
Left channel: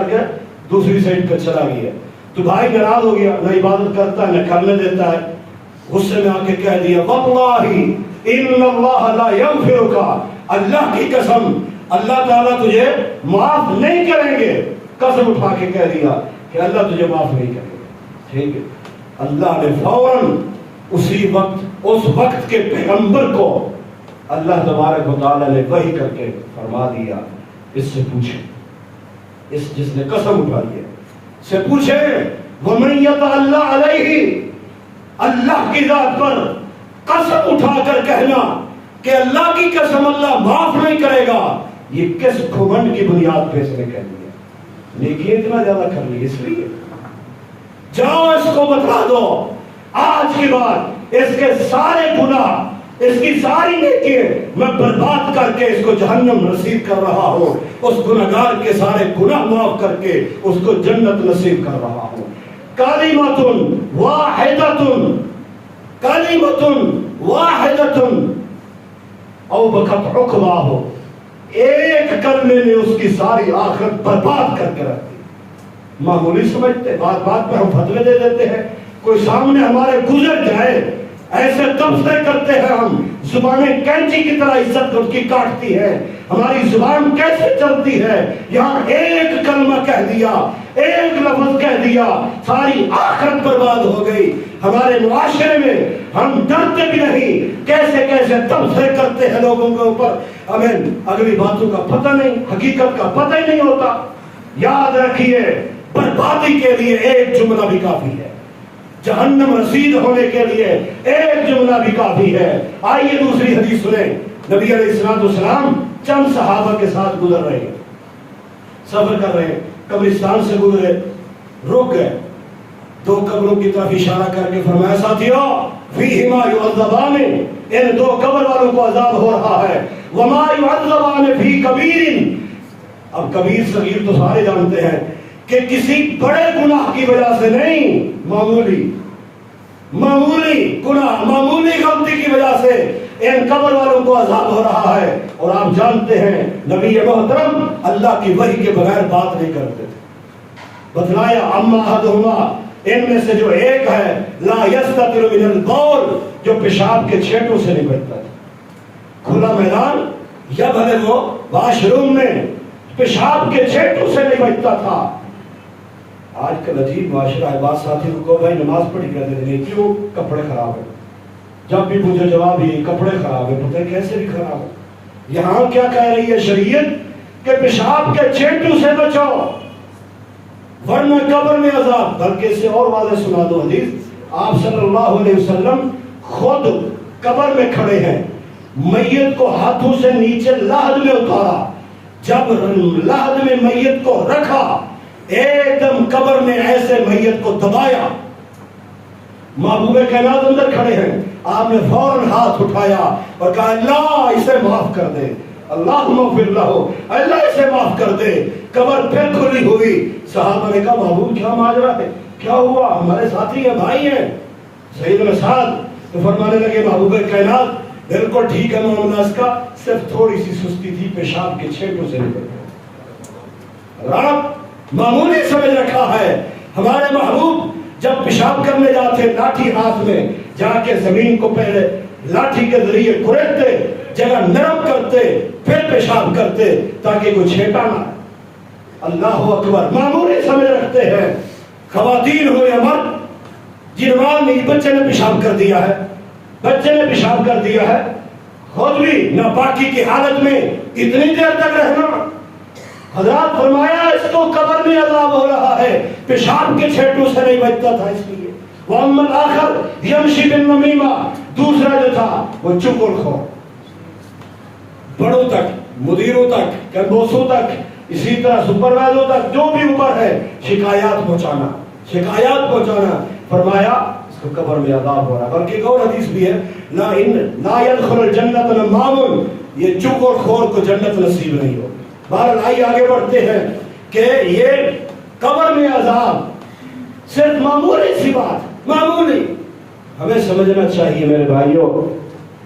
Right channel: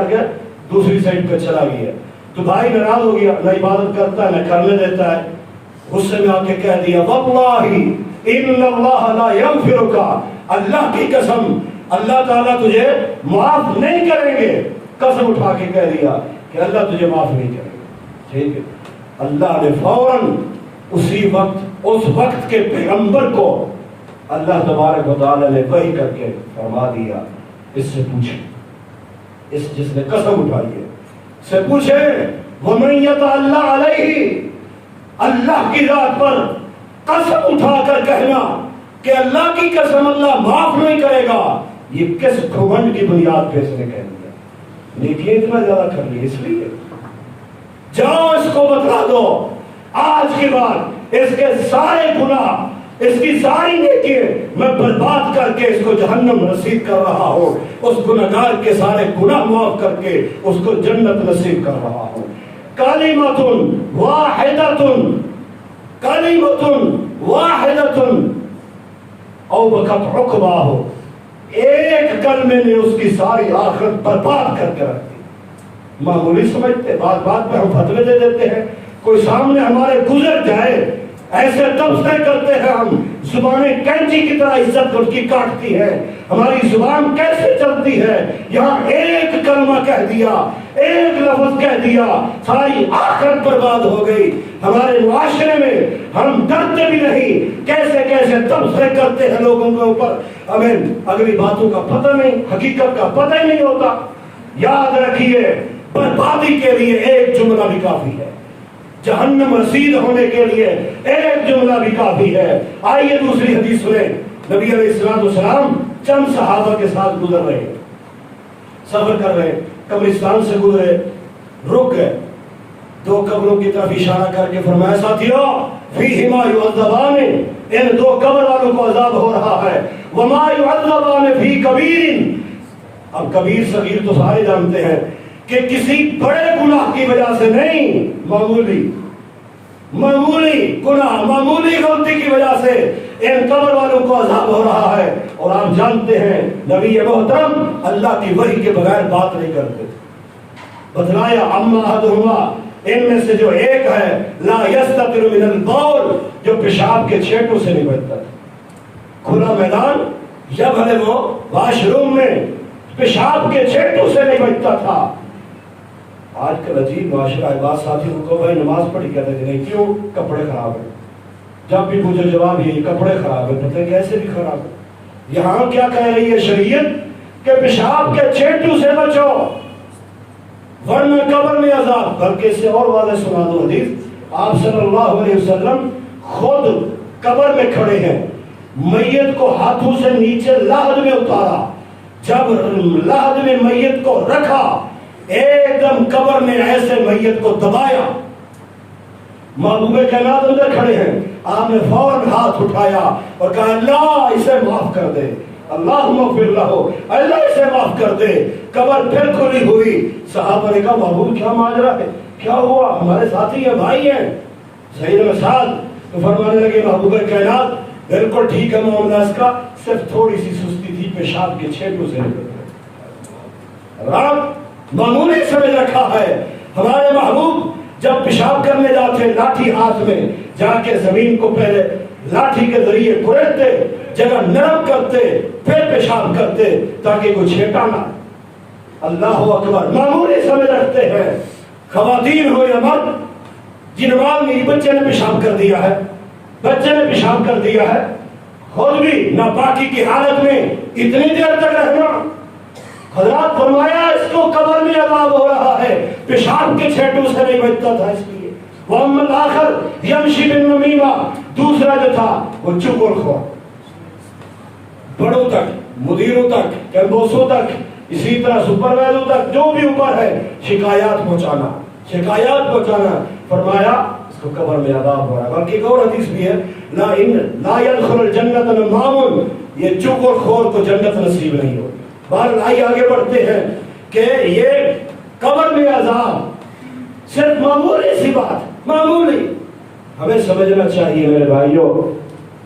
گیا دوسری سائڈ پہ چلا گیا، تو بھائی ناراض ہو گیا، نہ عبادت کرتا ہے نہ کرنے دیتا ہے۔ غصے میں آ کے کہہ دیا واللہ ان اللہ لا یغفرک، اللہ کی قسم اللہ تعالیٰ تجھے معاف نہیں کریں گے۔ قسم اٹھا کے کہہ دیا کہ اللہ تجھے معاف نہیں کریں گے۔ ٹھیک ہے، اللہ نے فوراً اسی وقت اس وقت کے پیغمبر کو اللہ تبارک و تعالیٰ نے وحی کر کے فرما دیا، اس سے پوچھیں، اس جس نے قسم اٹھا لیا سے پوچھیں، وَمَن يَتَعَلَّ عَلَيْهِ، اللہ کی ذات پر قسم اٹھا کر کہنا کہ اللہ کی قسم اللہ معاف نہیں کرے گا، یہ کس گھمنڈ کی بنیاد پہ اس نے کہہ دیا؟ نیکیاں اتنا زیادہ کر لی اس لیے؟ جاؤ اس کو بتلا دو آج کے بعد اس کے سارے گناہ، اس کی ساری نیکیاں میں برباد کر کے اس کو جہنم نصیب کر رہا ہوں، اس گناہگار کے سارے گناہ معاف کر کے اس کو جنت نصیب کر رہا ہوں۔ کلمۃ واحدۃ، کلمۃ واحدۃ او بکت عقباہ، ایک کلمے نے اس کی ساری آخرت برباد کر کے رکھ دی۔ معمولی سمجھتے، بات میں ہم فتوے دے دیتے ہیں، کوئی سامنے ہمارے گزر جائے ایسے تبصرے کرتے ہیں ہم، زبانیں کینچی کی طرح عزت اس کی کاٹتی ہے، ہماری زبان کیسے چلتی ہے، یہاں ایک کلمہ کہہ دیا، ایک لفظ کہہ دیا، ساری آخرت برباد ہو گئی۔ ہمارے معاشرے میں ہم ڈرتے بھی نہیں، کیسے کیسے تبصرے کرتے ہیں لوگوں کے اوپر، ہمیں اگلی باتوں کا پتہ نہیں، حقیقت کا پتہ ہی نہیں ہوتا۔ یاد رکھیے، بربادی کے لیے ایک جملہ بھی کافی ہے، جہنم رسید ہونے کے لیے ایک جملہ بھی کافی ہے۔ آئیے دوسری حدیث سنیں، نبی علیہ السلام چند صحابہ کے ساتھ گزر رہے، سفر کر رہے، قبرستان سے گزرے، رک گئے، دو قبروں کی طرف اشارہ کر کے فرمایا ساتھیو فیہما یعذبان، ان دو قبر والوں کو عذاب ہو رہا ہے، وما یعذبان فی کبیر، اب کبیر صغیر تو سارے جانتے ہیں کہ کسی بڑے گناہ کی وجہ سے نہیں، معمولی گناہ، معمولی غلطی کی وجہ سے ان قبر والوں کو عذاب ہو رہا ہے۔ اور آپ جانتے ہیں نبی محترم اللہ کی وحی کے بغیر بات نہیں کرتے، بتلایا اما احدہما، ان میں سے جو ایک ہے لا یستتر من البول، جو پیشاب کے چھینٹوں سے نہیں بچتا تھا، کھلا میدان یا بھلے وہ واش روم میں پیشاب کے چھینٹوں سے نہیں بچتا تھا۔ آج کل عجیب معاشرہ ہے، بات ساتھی کو بھائی نماز پڑھی کہتے تھے، نہیں کیوں؟ کپڑے خراب ہیں، جب بھی پوچھو جواب ہی کپڑے خراب ہیں، پتہ کیسے بھی خراب ہے۔ یہاں کیا کہہ رہی ہے شریعت کہ پیشاب کے چھینٹوں سے بچو ورنہ قبر میں عذاب۔ بلکہ اس سے اور واضح سنا دو حدیث، آپ صلی اللہ علیہ وسلم خود قبر میں کھڑے ہیں، میت کو ہاتھوں سے نیچے لحد میں اتارا، جب لحد میں میت کو رکھا ایک دم قبر میں ایسے میت کو دبایا، محبوب کائنات اندر کھڑے ہیں، آپ نے فوراً ہاتھ اٹھایا اور کہا اللہ اسے معاف کر دے، اللہم اغفر لہو، اللہ اسے معاف کر دے۔ قبر پھر کھلی ہوئی، صحابہ نے کہا محبوب کیا ماجرا ہے، کیا ہوا، ہمارے ساتھی ہیں، بھائی ہیں۔ سیدنا سعد تو فرمانے لگے محبوب کائنات بالکل ٹھیک ہے معاملہ اس کا، صرف تھوڑی سی سستی تھی، پیشاب کے چھینٹوں سے نکل رات معمولی سمجھ رکھا ہے۔ ہمارے محبوب جب پیشاب کرنے جاتے لاٹھی ہاتھ میں جا کے زمین کو پہلے لاٹھی کے ذریعے کھریدتے، جگہ نرم کرتے، پھر پیشاب کرتے تاکہ کوئی چھینٹا نہ۔ اللہ اکبر، معمولی سمجھ رکھتے ہیں۔ خواتین ہو یا مرد، جن ماں نے بچے نے پیشاب کر دیا ہے، بچے نے پیشاب کر دیا ہے، خود بھی ناپاکی کی حالت میں اتنی دیر تک رہنا، حضرات فرمایا اس کو قبر میں عذاب ہو رہا ہے، پیشاب کے چھینٹوں سے نہیں بچتا تھا اس لیے۔ وَأَمَّا الْآخَرُ يَمْشِي بِالنَّمِيمَةِ، دوسرا جو تھا وہ چغل خور، بڑوں تک، مدیروں تک، کمبوسوں تک، اسی طرح سپروائزروں تک، جو بھی اوپر ہے شکایات پہنچانا۔ فرمایا اس کو قبر میں عذاب ہو رہا ہے۔ بلکہ ایک اور حدیث بھی ہے، لا يدخل الجنت نمام، یہ چغل خور کو جنت نصیب نہیں ہوگی۔ بہرحال آئیے آگے بڑھتے ہیں کہ یہ قبر میں عذاب صرف معمولی سی بات، معمولی ہمیں سمجھنا چاہیے میرے بھائیوں،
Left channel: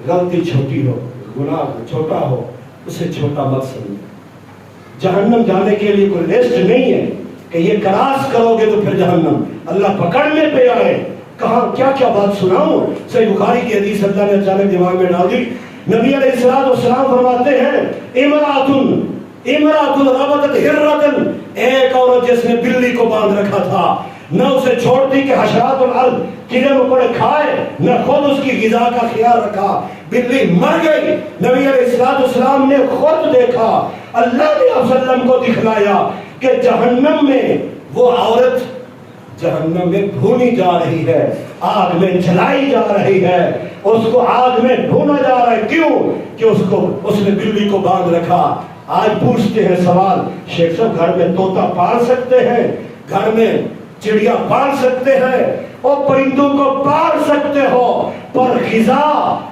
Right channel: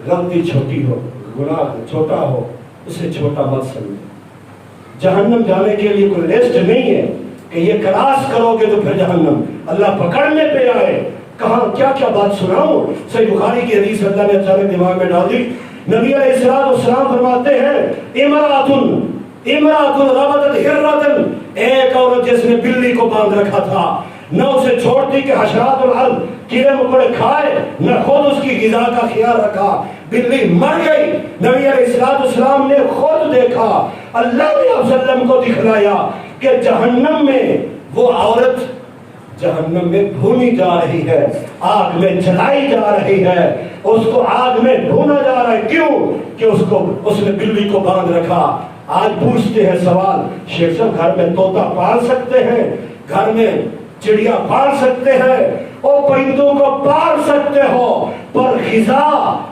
غلطی چھوٹی ہو، گناہ چھوٹا ہو، اسے چھوٹا مت سمجھو۔ جہنم جانے کے لیے کوئی لسٹ نہیں ہے کہ یہ کراس کرو گے تو پھر جہنم، اللہ پکڑنے پہ آئے۔ کہاں کیا کیا بات سناؤں، صحیح بخاری کی حدیث اللہ نے اچانک دماغ میں ڈال دی۔ نبی علیہ السلام فرماتے ہیں امرأۃ ربطت ہرۃ، ایک عورت جس نے بلی کو باندھ رکھا تھا، نہ اسے چھوڑتی کہ حشرات الارض کیڑے مکوڑے کھائے، نہ خود اس کی غذا کا خیال رکھا، بلی مر گئی۔ نبی علیہ السلام نے خود دیکھا، اللہ نے آپ وسلم کو دکھلایا کہ جہنم میں وہ عورت جہنم میں بھونی جا رہی ہے، آگ میں جلائی جا رہی ہے، اس کو آگ میں بھونا جا رہا ہے۔ کیوں؟ کہ اس نے بلی کو باندھ رکھا۔ آج پوچھتے ہیں سوال، شیخ صاحب گھر میں طوطا پال سکتے ہیں، گھر میں چڑیا پال سکتے ہیں، اور پرندوں کو پال سکتے ہو، پر غذا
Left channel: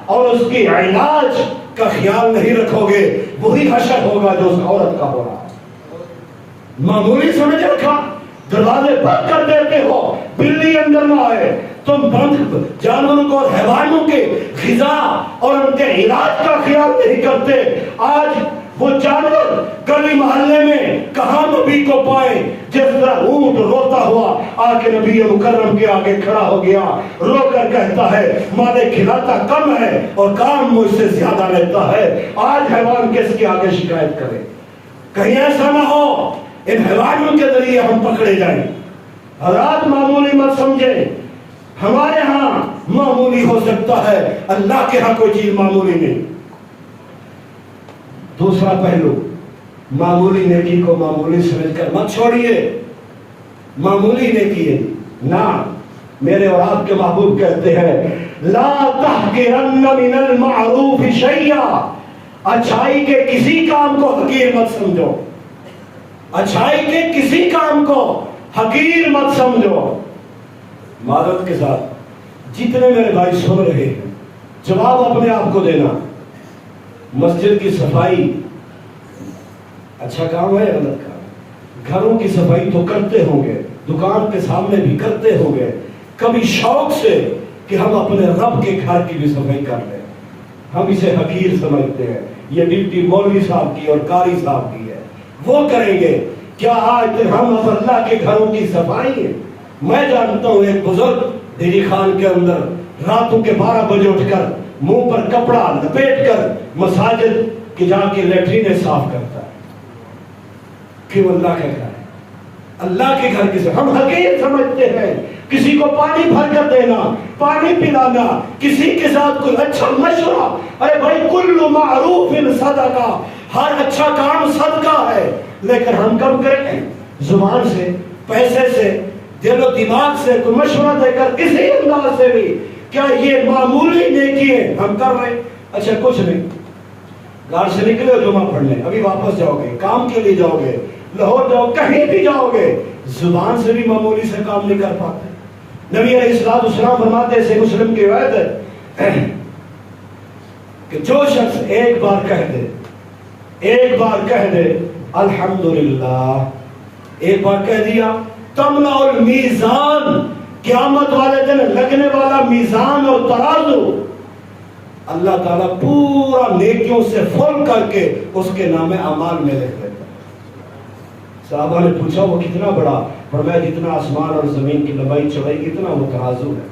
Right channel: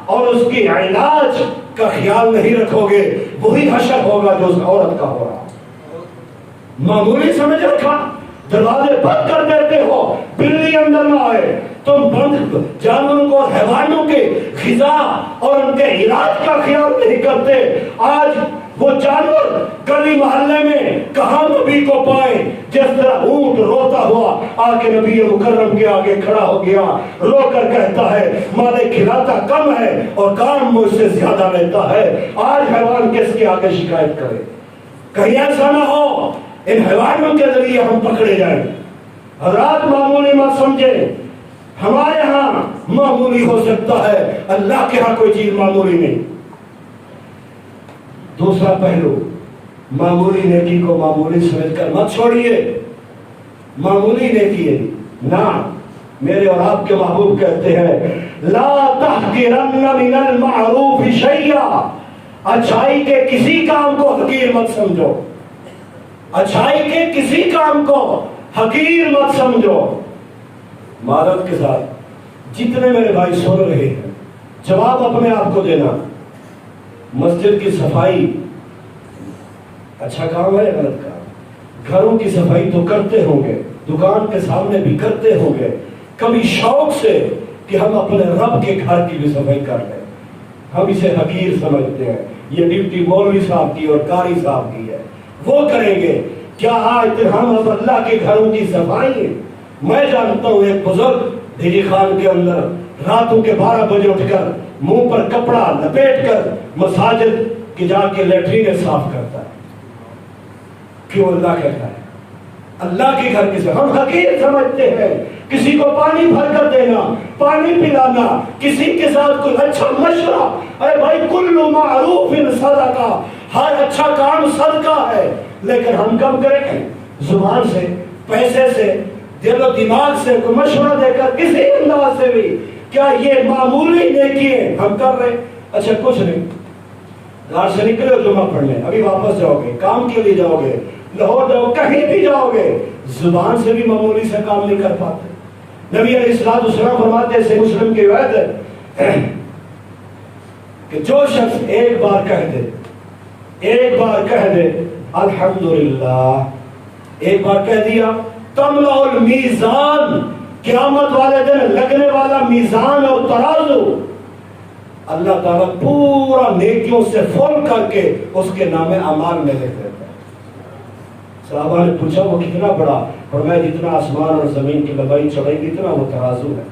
اور اس کی علاج کا خیال نہیں رکھو گے، وہی حشر ہوگا جو اس عورت کا ہو رہا۔ معمولی سمجھ رکھا، دروازے بند کر دیتے ہو بلی اندر نہ آئے، تم بند جانوروں کو اور حیوانوں کے غذا اور ان کے علاج کا خیال نہیں کرتے۔ آج وہ جانور گلی محلے میں کہاں نبی کو پائے، جس طرح اونٹ روتا ہوا آ کے نبی مکرم کے آگے کھڑا ہو گیا، رو کر کہتا ہے مالے کھلاتا کم ہے اور کام مجھ سے زیادہ لیتا ہے۔ آج حیوان کس کے آگے شکایت کرے؟ کہیں ایسا نہ ہو ان حیوانوں کے ذریعے ہم پکڑے جائیں۔ حضرات معمولی مت سمجھے، ہمارے ہاں معمولی ہو سکتا ہے، اللہ کے ہاں کوئی چیز معمولی نہیں۔ دوسرا پہلو، معمولی نیکی کو معمولی سمجھ کر مت چھوڑیے۔ معمولی نیکی ہے نہ، میرے اور آپ کے محبوب کہتے ہیں لا تحقرن من المعروف شیئا، اچھائی کے کسی کام کو حقیر مت سمجھو، اچھائی کے کسی کام کو حقیر مت سمجھو۔ معذرت کے ساتھ جتنے میرے بھائی سن رہے ہیں، جواب اپنے آپ کو دینا، مسجد کی صفائی اچھا کام ہے، غلط کام؟ گھروں کی صفائی تو کرتے ہوں گے، دکان کے سامنے بھی کرتے ہوں گے، کبھی شوق سے کہ ہم اپنے رب کے گھر کی بھی صفائی کر لیں، ہم اسے حقیر سمجھتے ہیں، یہ ڈیوٹی مولوی صاحب کی اور قاری صاحب کی ہے، وہ کریں گے۔ کیا آج ہم اب اللہ کے گھروں کی صفائی ہے؟ میں جانتا ہوں ایک بزرگ دلی خان کے اندر راتوں کے 12 بجے اٹھ کر منہ پر کپڑا لپیٹ کر مساجد کی جا کے لیٹرین صاف کرتا ہے۔ کیوں؟ اللہ کے گھر ہے، اللہ کے گھر کسے ہم حقیر سمجھتے ہیں۔ کسی کو پانی بھر کر دینا، پانی پلانا، کسی کے ساتھ کوئی اچھا مشورہ، ارے بھائی کل معروف صدقہ، ہر اچھا کام صدقہ ہے، لیکن ہم کب کریں؟ زبان سے، پیسے سے، دل و دماغ سے، کوئی مشورہ دے کر، کسی انداز سے بھی۔ کیا یہ معمولی نیکی ہے ہم کر رہے؟ اچھا کچھ نہیں، گھر سے نکلے جمعہ پڑھنے، ابھی واپس جاؤ گے، کام کے لیے جاؤ گے، لاہور جاؤ، کہیں بھی جاؤ گے، زبان سے بھی معمولی سے کام نہیں کر پاتے۔ نبی علیہ السلام فرماتے ہیں، مسلم کی روایت ہے کہ جو شخص ایک بار کہہ دے الحمدللہ، ایک بار کہہ دیا، تملا المیزان، قیامت والے دن لگنے والا میزان اور ترازو اللہ تعالیٰ پورا نیکیوں سے فل کر کے اس کے نام اعمال میں لکھ دیتا ہے۔ صحابہ نے پوچھا وہ کتنا بڑا؟ فرمایا جتنا آسمان اور زمین کی لمبائی چوڑائی اتنا وہ ترازو ہے۔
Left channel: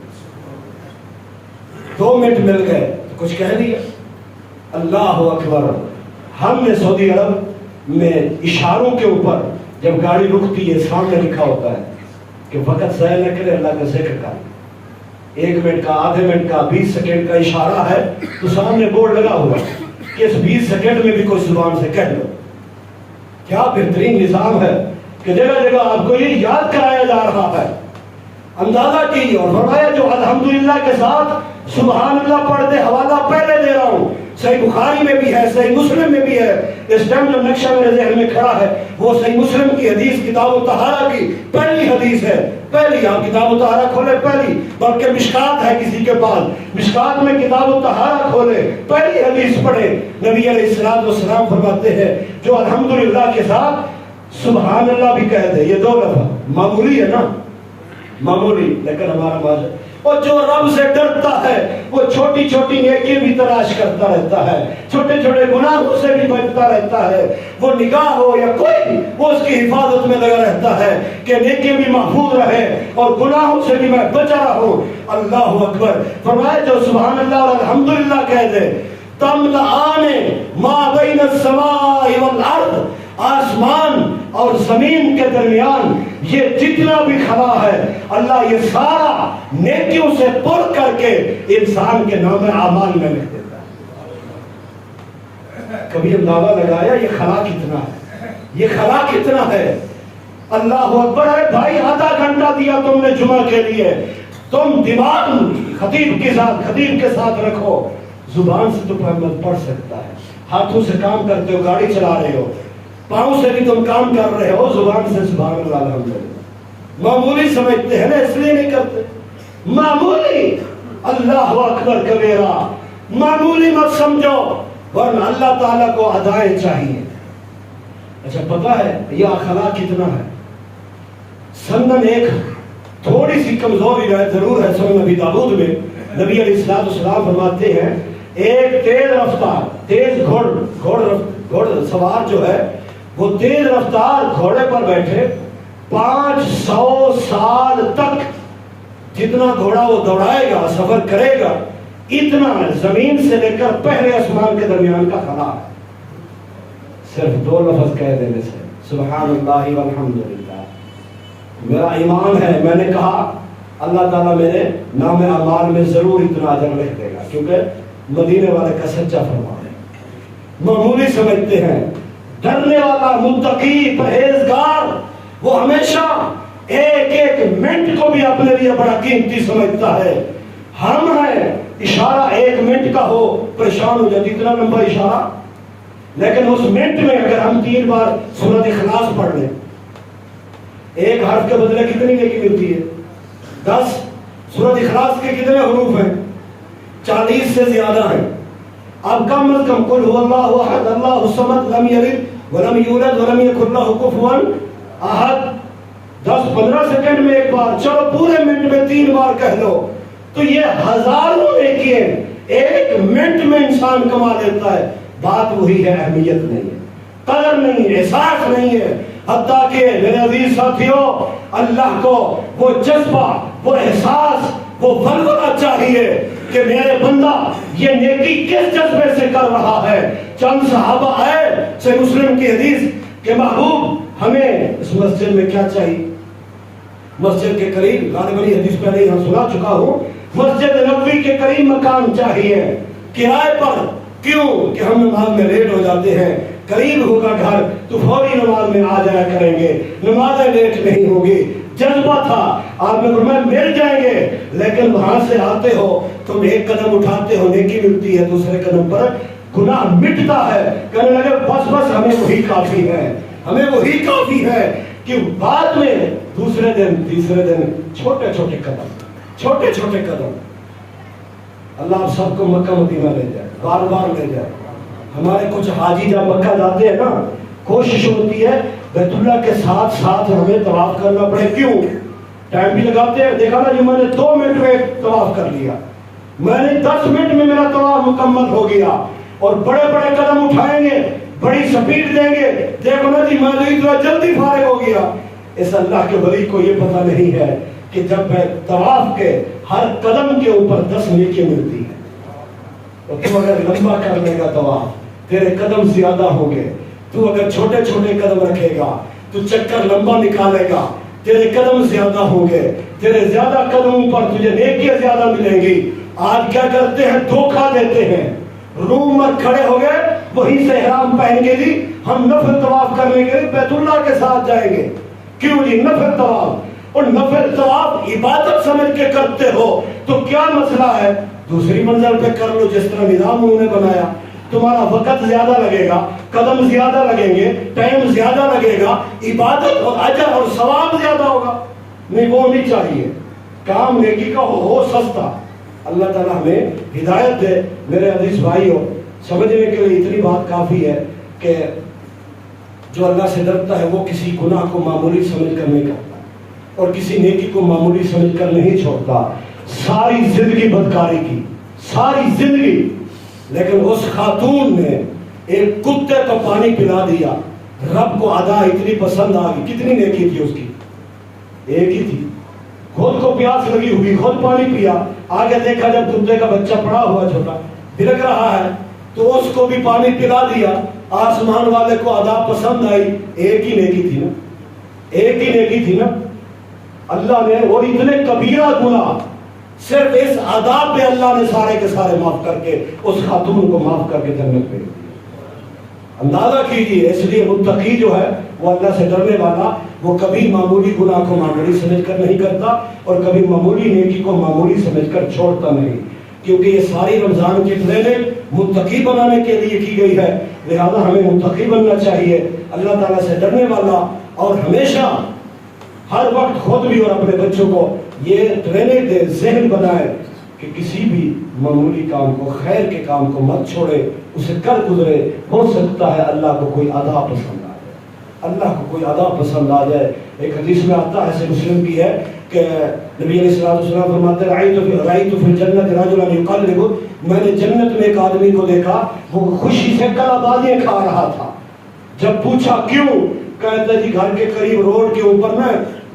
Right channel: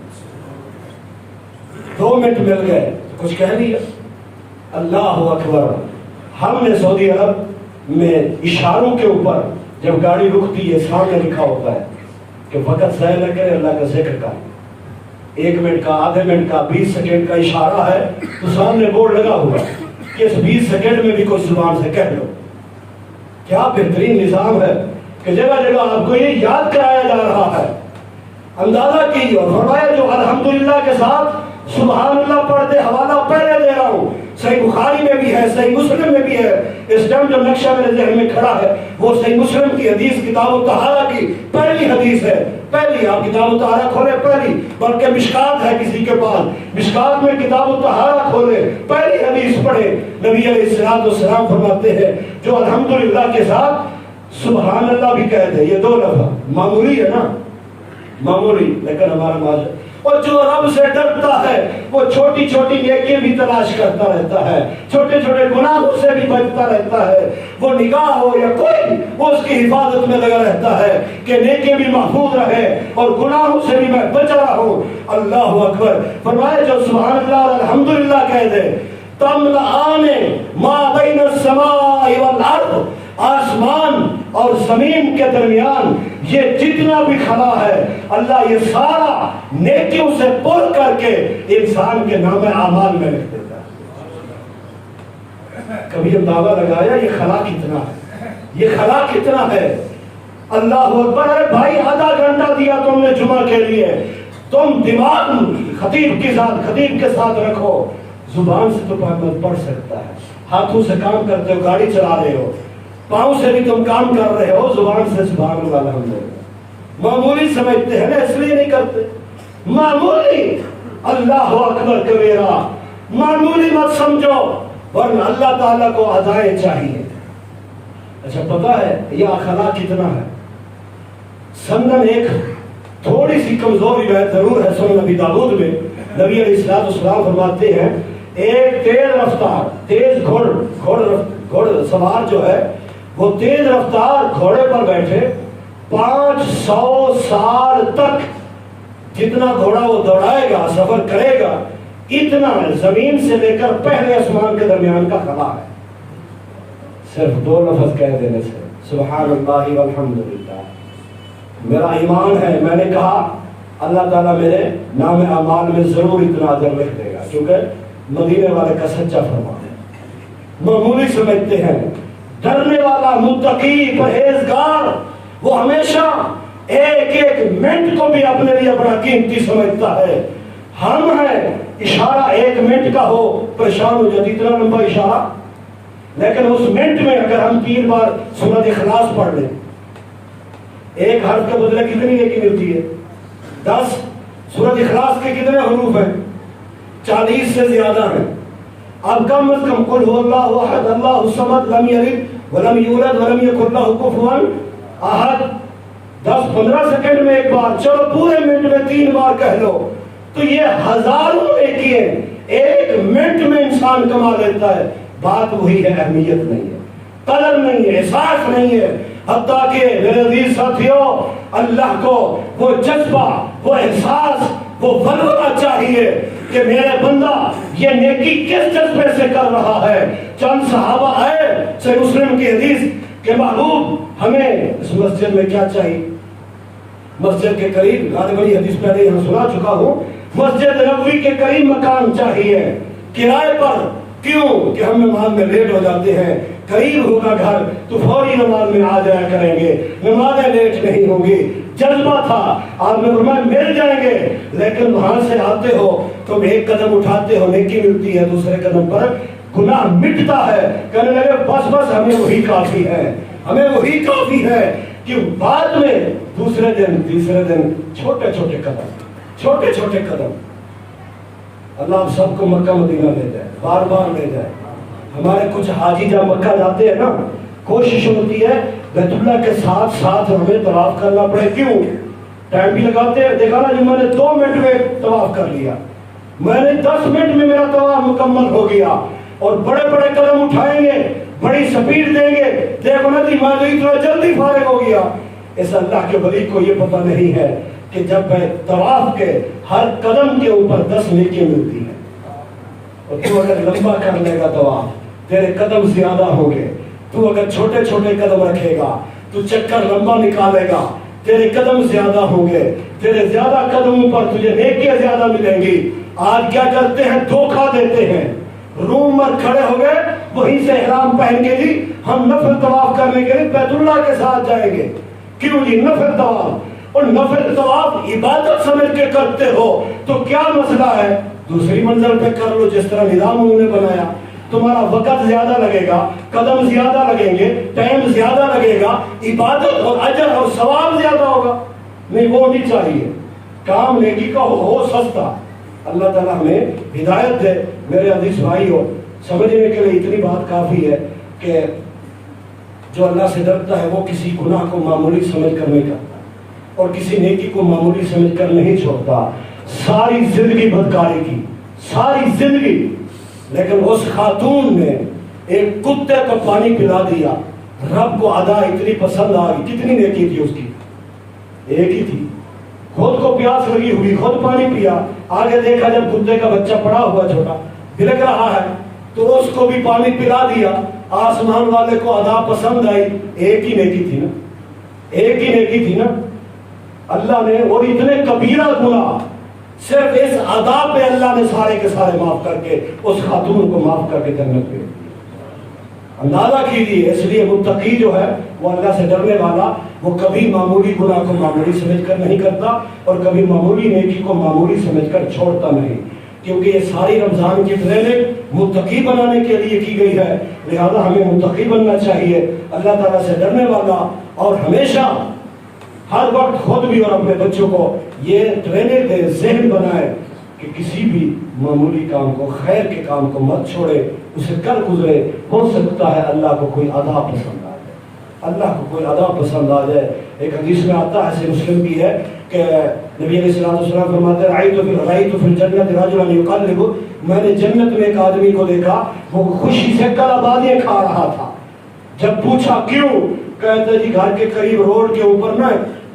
2 منٹ مل گئے تو کچھ کہہ دیا، اللہ اکبر۔ ہم نے سعودی عرب میں اشاروں کے اوپر جب گاڑی رکتی ہے سامنے لکھا ہوتا ہے کہ وقت ضائع نہ کرے، اللہ کا ذکر کر، 1 منٹ کا، آدھے منٹ کا، 20 سیکنڈ کا اشارہ ہے تو سامنے بورڈ لگا ہوا ہے کہ اس 20 سیکنڈ میں بھی کوئی زبان سے کہہ لو۔ کیا بہترین نظام ہے کہ جگہ جگہ آپ کو یہ یاد کرایا جا رہا ہے۔ اندازہ کیجیے، اور فرمایا جو الحمدللہ کے ساتھ سبحان اللہ پڑھ دے، حوالہ پہلے دے رہا ہوں، صحیح بخاری میں بھی ہے، صحیح مسلم میں بھی ہے۔ اس ٹائم جو نقشہ میرے ذہن میں کھڑا ہے وہ صحیح مسلم کی حدیث کتاب الطہارہ کی پہلی حدیث ہے، پہلی۔ آپ کتاب الطہارہ کھولے پہلی، بلکہ مشکات ہے کسی کے پاس، مشکات میں کتاب الطہارہ کھولے پہلی حدیث پڑھے۔ نبی علیہ السلام فرماتے ہیں جو الحمدللہ کے ساتھ سبحان اللہ بھی کہہ دے، یہ 2 لفظ معمولی ہے نا، معمولی، لیکن ہمارا معاشرہ، اور جو رب سے ڈرتا ہے وہ چھوٹی چھوٹی نیکی بھی تلاش کرتا رہتا ہے، چھوٹے چھوٹے گناہوں سے بھی بچتا رہتا ہے، وہ نگاہ ہو یا کوئی، وہ اس کی حفاظت میں لگا رہتا ہے کہ نیکی بھی محفوظ رہے اور گناہوں سے بھی میں بچ رہا ہوں۔ اللہ اکبر۔ فرمائے جو سبحان اللہ اور الحمدللہ کہہ دے، تملأان ما بین السماء والارض، آسمان اور زمین کے درمیان یہ جتنا بھی کھڑا ہے اللہ یہ سارا نیکیوں سے پر کر کے انسان کے نام اعمال میں لکھ دیتا ہے۔ کبھی اندازہ لگایا یہ خلا کتنا ہے، یہ خلا کتنا ہے؟ اللہ اکبر ہے بھائی، آدھا گھنٹہ دیا تم نے جمعہ کے لیے، تم دماغ خطیب کے ساتھ رکھو۔ زبان سے تو پڑھ سکتا ہے، ہاتھوں سے کام کرتے ہو، گاڑی چلا رہے ہو، پاؤں سے بھی تم کام کر رہے ہو، زبان سے سبحان اللہ الحمدللہ۔ معمولی سمجھتے ہیں نا، اس لیے نہیں کرتے، معمولی۔ اللہ اکبر کبیرہ، معمولی مت سمجھو، ورنہ اللہ تعالیٰ کو ادائیں چاہیے۔ اچھا پتا ہے یہ اخلاق کتنا ہے؟ سنن ایک تھوڑی سی کمزور روایت ضرور ہے سنن نبی داؤد میں، نبی علیہ السلام فرماتے ہیں ایک تیز رفتار، تیز گھوڑ سوار جو ہے وہ تیز رفتار گھوڑے پر بیٹھے 500 سال تک جتنا گھوڑا وہ دوڑائے گا، سفر کرے گا، اتنا زمین سے لے کر پہلے آسمان کے درمیان کا خلا ہے، صرف 2 لفظ کہہ دینے سے، سبحان اللہ والحمدللہ۔ میرا ایمان ہے، میں نے کہا اللہ تعالیٰ میرے نام اعمال میں ضرور اتنا اجر لکھ دے گا، کیونکہ مدینے والے کا سچا فرمان ہے۔ معمولی سمجھتے ہیں، ڈرنے والا متقی پرہیزگار وہ ہمیشہ ایک منٹ کو بھی اپنے لیے بڑا قیمتی سمجھتا ہے۔ ہم ہیں اشارہ 1 منٹ کا ہو پریشان ہو جاتی، اتنا لمبا اشارہ، لیکن اس منٹ میں اگر ہم 3 بار سورۃ اخلاص پڑھ لیں، 1 حرف کے بدلے کتنی نیکی ملتی ہے؟ 10۔ سورۃ اخلاص کے کتنے حروف ہیں؟ 40 سے زیادہ ہیں۔ اب کم از کم قل هو اللہ احد اللہ الصمد لم یلد ولم یولد ولم یکن لہ کفوا احد، 10-15 سیکنڈ میں 1 بار، چلو پورے منٹ میں 3 بار کہہ لو، تو یہ ہزاروں نیکی ہیں 1 منٹ میں انسان کما لیتا ہے۔ بات وہی ہے، اہمیت نہیں ہے، قدر نہیں ہے، احساس نہیں ہے۔ حتیٰ کہ میرے عزیز ساتھیوں، اللہ کو وہ جذبہ، وہ احساس، وہ ولولہ چاہیے کہ میرے بندہ یہ نیکی کس جذبے سے کر رہا ہے۔ چند صحابہ آئے، صحیح مسلم کی حدیث کہ محبوب ہمیں اس مسجد میں کیا چاہیے؟ مسجد کے قریب، غالباً حدیث پہلے یہاں سنا چکا ہوں، مسجد نبوی کے قریب مکان چاہیے، کرائے پر۔ کیوں؟ کہ ہم نماز میں لیٹ ہو جاتے ہیں، قریب ہوگا گھر تو فوری نماز میں آ جایا کریں گے، نمازیں لیٹ نہیں ہوگی۔ جذبہ تھا. آپ نے فرمایا مل جائیں گے، لیکن وہاں سے آتے ہو تم ایک قدم اٹھاتے ہو نیکی ملتی ہے، دوسرے قدم پر گناہ مٹتا ہے. کہنے لگے بس ہمیں وہی کافی ہے، ہمیں وہی کافی ہے. کہ بعد میں دوسرے دن تیسرے دن چھوٹے چھوٹے قدم. اللہ آپ سب کو مکہ مدینہ لے جائے، بار بار لے جائے. ہمارے کچھ حاجی جب مکہ جاتے ہیں نا، کوشش ہوتی ہے بیت اللہ کے ساتھ ساتھ ہمیں طواف کرنا پڑے. کیوں؟ ٹائم بھی لگاتے ہیں. دیکھا نا جو میں نے 2 منٹ میں طواف کر لیا، میں نے 10 منٹ میں میرا طواف مکمل ہو گیا. اور بڑے بڑے قدم اٹھائیں گے، بڑی سپیڈ دیں گے، دیکھو نا جی میں اتنا جلدی فارغ ہو گیا. اس اللہ کے ولی کو یہ پتہ نہیں ہے کہ جب طواف کے ہر قدم کے اوپر 10 نیکی ملتی ہے. اور تو اگر لمبا کر لے گا طواف تیرے قدم زیادہ ہوں گے. تو اگر چھوٹے چھوٹے قدم رکھے گا تو چکر لمبا نکالے گا، تیرے قدم زیادہ ہوں گے. تیرے زیادہ قدموں پر تجھے نیکیاں زیادہ ملیں گی. آج کیا کرتے ہیں؟ دھوکہ دیتے ہیں. روم میں کھڑے ہو گئے، وہیں سے احرام پہن کے جی ہم نفل طواف کرنے کے لیے بیت اللہ کے ساتھ جائیں گے. کیوں جی؟ نفل طواف. اور نفل طواف عبادت سمجھ کے کرتے ہو تو کیا مسئلہ ہے؟ دوسری منزل پہ کر لو جس طرح نظام انہوں نے بنایا. تمہارا وقت زیادہ لگے گا، قدم زیادہ لگیں گے، ٹائم زیادہ لگے گا، عبادت اور اجر اور ثواب زیادہ ہوگا. نہیں، وہ نہیں چاہیے. کام نیکی کا ہو سستا. اللہ تعالیٰ ہمیں ہدایت دے. میرے عزیز بھائیو، سمجھنے کے لیے اتنی بات کافی ہے کہ جو اللہ سے ڈرتا ہے وہ کسی گناہ کو معمولی سمجھ کر نہیں کرتا اور کسی نیکی کو معمولی سمجھ کر نہیں چھوڑتا. ساری زندگی بدکاری کی، ساری زندگی، لیکن اس خاتون نے ایک کتے کو پانی پلا دیا. رب کو ادا اتنی پسند آ گئی. کتنی نیکی تھی اس کی؟ ایک ہی تھی. خود کو پیاس لگی ہوئی، خود پانی پیا. آگے دیکھا جب کتے کا بچہ پڑا ہوا چھوٹا بلک رہا ہے تو اس کو بھی پانی پلا دیا. آسمان والے کو ادا پسند آئی. ایک ہی نیکی تھی نا، ایک ہی نیکی تھی نا. اللہ نے، اور اتنے کبیرہ گناہ صرف اس ادا پہ اللہ نے سارے کے سارے معاف کر کے اس خاتون کو معاف کر کے جنت میں. اندازہ کیجیے. اس لیے متقی جو ہے وہ اللہ سے ڈرنے والا، وہ کبھی معمولی گناہ کو معمولی سمجھ کر نہیں کرتا اور کبھی معمولی نیکی کو معمولی سمجھ کر چھوڑتا نہیں. کیونکہ یہ ساری رمضان کی ٹریننگ متقی بنانے کے لیے کی گئی ہے. لہذا ہمیں متقی بننا چاہیے، اللہ تعالیٰ سے ڈرنے والا، اور ہمیشہ ہر وقت خود بھی اور اپنے بچوں کو یہ ٹریننگ دے، ذہن بنائے کہ کسی بھی معمولی کام کو، خیر کے کام کو مت چھوڑے، اسے کر گزرے. ہو سکتا ہے اللہ کو کوئی ادا پسند آ جائے، اللہ کو کوئی ادا پسند آ جائے. ایک حدیث میں آتا ہے، مسلم بھی ہے، کہ نبی علیہ السلام فرماتے ہیں رأیت فی الجنت رجلا یقلب، میں نے جنت میں ایک آدمی کو دیکھا وہ خوشی سے کلابادیاں کھا رہا تھا. جب پوچھا کیوں، کہتے جی گھر کے قریب روڈ کے اوپر نا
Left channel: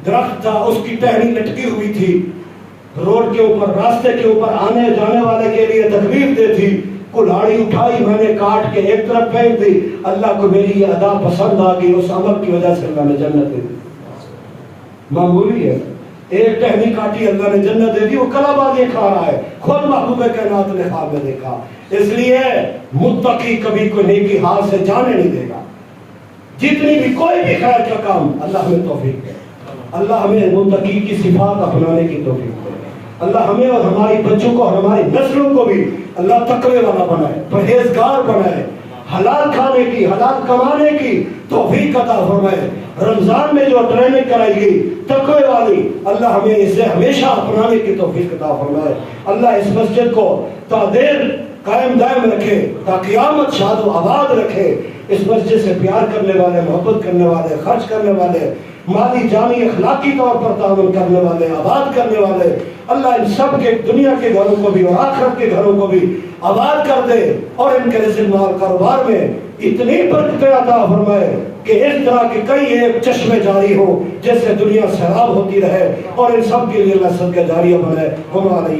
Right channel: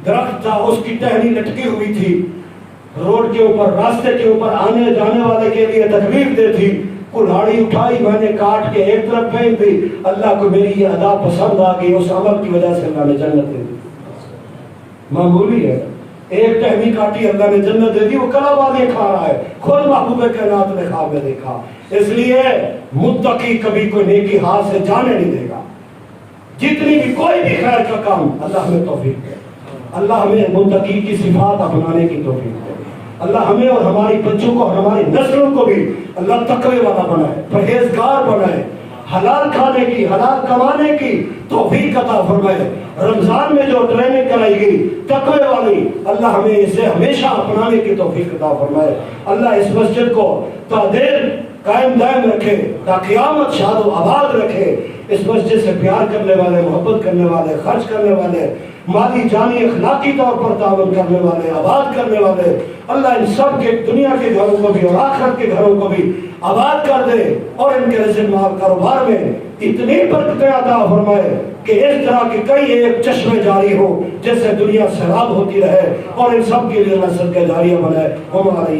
درخت تھا، اس کی ٹہنی لٹکی ہوئی تھی، روڈ کے اوپر، راستے کے اوپر آنے جانے والے کے لیے تکلیف دہ تھی. کلاڑی اٹھائی، میں نے کاٹ کے ایک طرف پھینک دی. اللہ کو میری یہ ادا پسند آ گئی، اس عمل کی وجہ سے اللہ نے جنت دے دی. معمولی ہے، ایک ٹہنی کاٹی اللہ نے جنت دے دی. وہ کلابادیاں کھا رہا ہے، خود محبوب کائنات نے خواب میں دیکھا. اس لیے متقی کبھی کوئی نیکی ہاتھ سے جانے نہیں دے گا. جتنی بھی کوئی بھی خیر کا کام، اللہ ہمیں توفیق دے، اللہ ہمیں متقی کی صفات اپنانے کی توفیق دے. اللہ ہمیں اور ہماری بچوں کو اور ہماری نسلوں کو بھی اللہ تقوی والا بنائے، پرہیزگار بنائے، حلال کھانے کی، حلال کمانے کی توفیق عطا فرمائے. رمضان میں جو ٹریننگ کرائی گئی تقوی والی، اللہ ہمیں اسے ہمیشہ اپنانے کی توفیق عطا فرمائے. اللہ اس مسجد کو تا دیر قائم دائم رکھے، تا قیامت شاد و آباد رکھے. اس مسجد سے پیار کرنے والے، محبت کرنے والے، خرچ کرنے والے، مالی جانی اخلاقی طور پر تعاون کرنے والے، آباد کرنے والے، اللہ ان سب کے دنیا کے گھروں کو بھی اور آخرت کے گھروں کو بھی آباد کر دے، اور ان کے رزق مال کاروبار میں اتنی برکتیں عطا فرمائے کہ اس طرح کے کئی ایک چشمے جاری ہو جیسے دنیا سیراب ہوتی رہے، اور ان سب کے لیے اللہ صدقہ جاریہ بنائے. ہمارے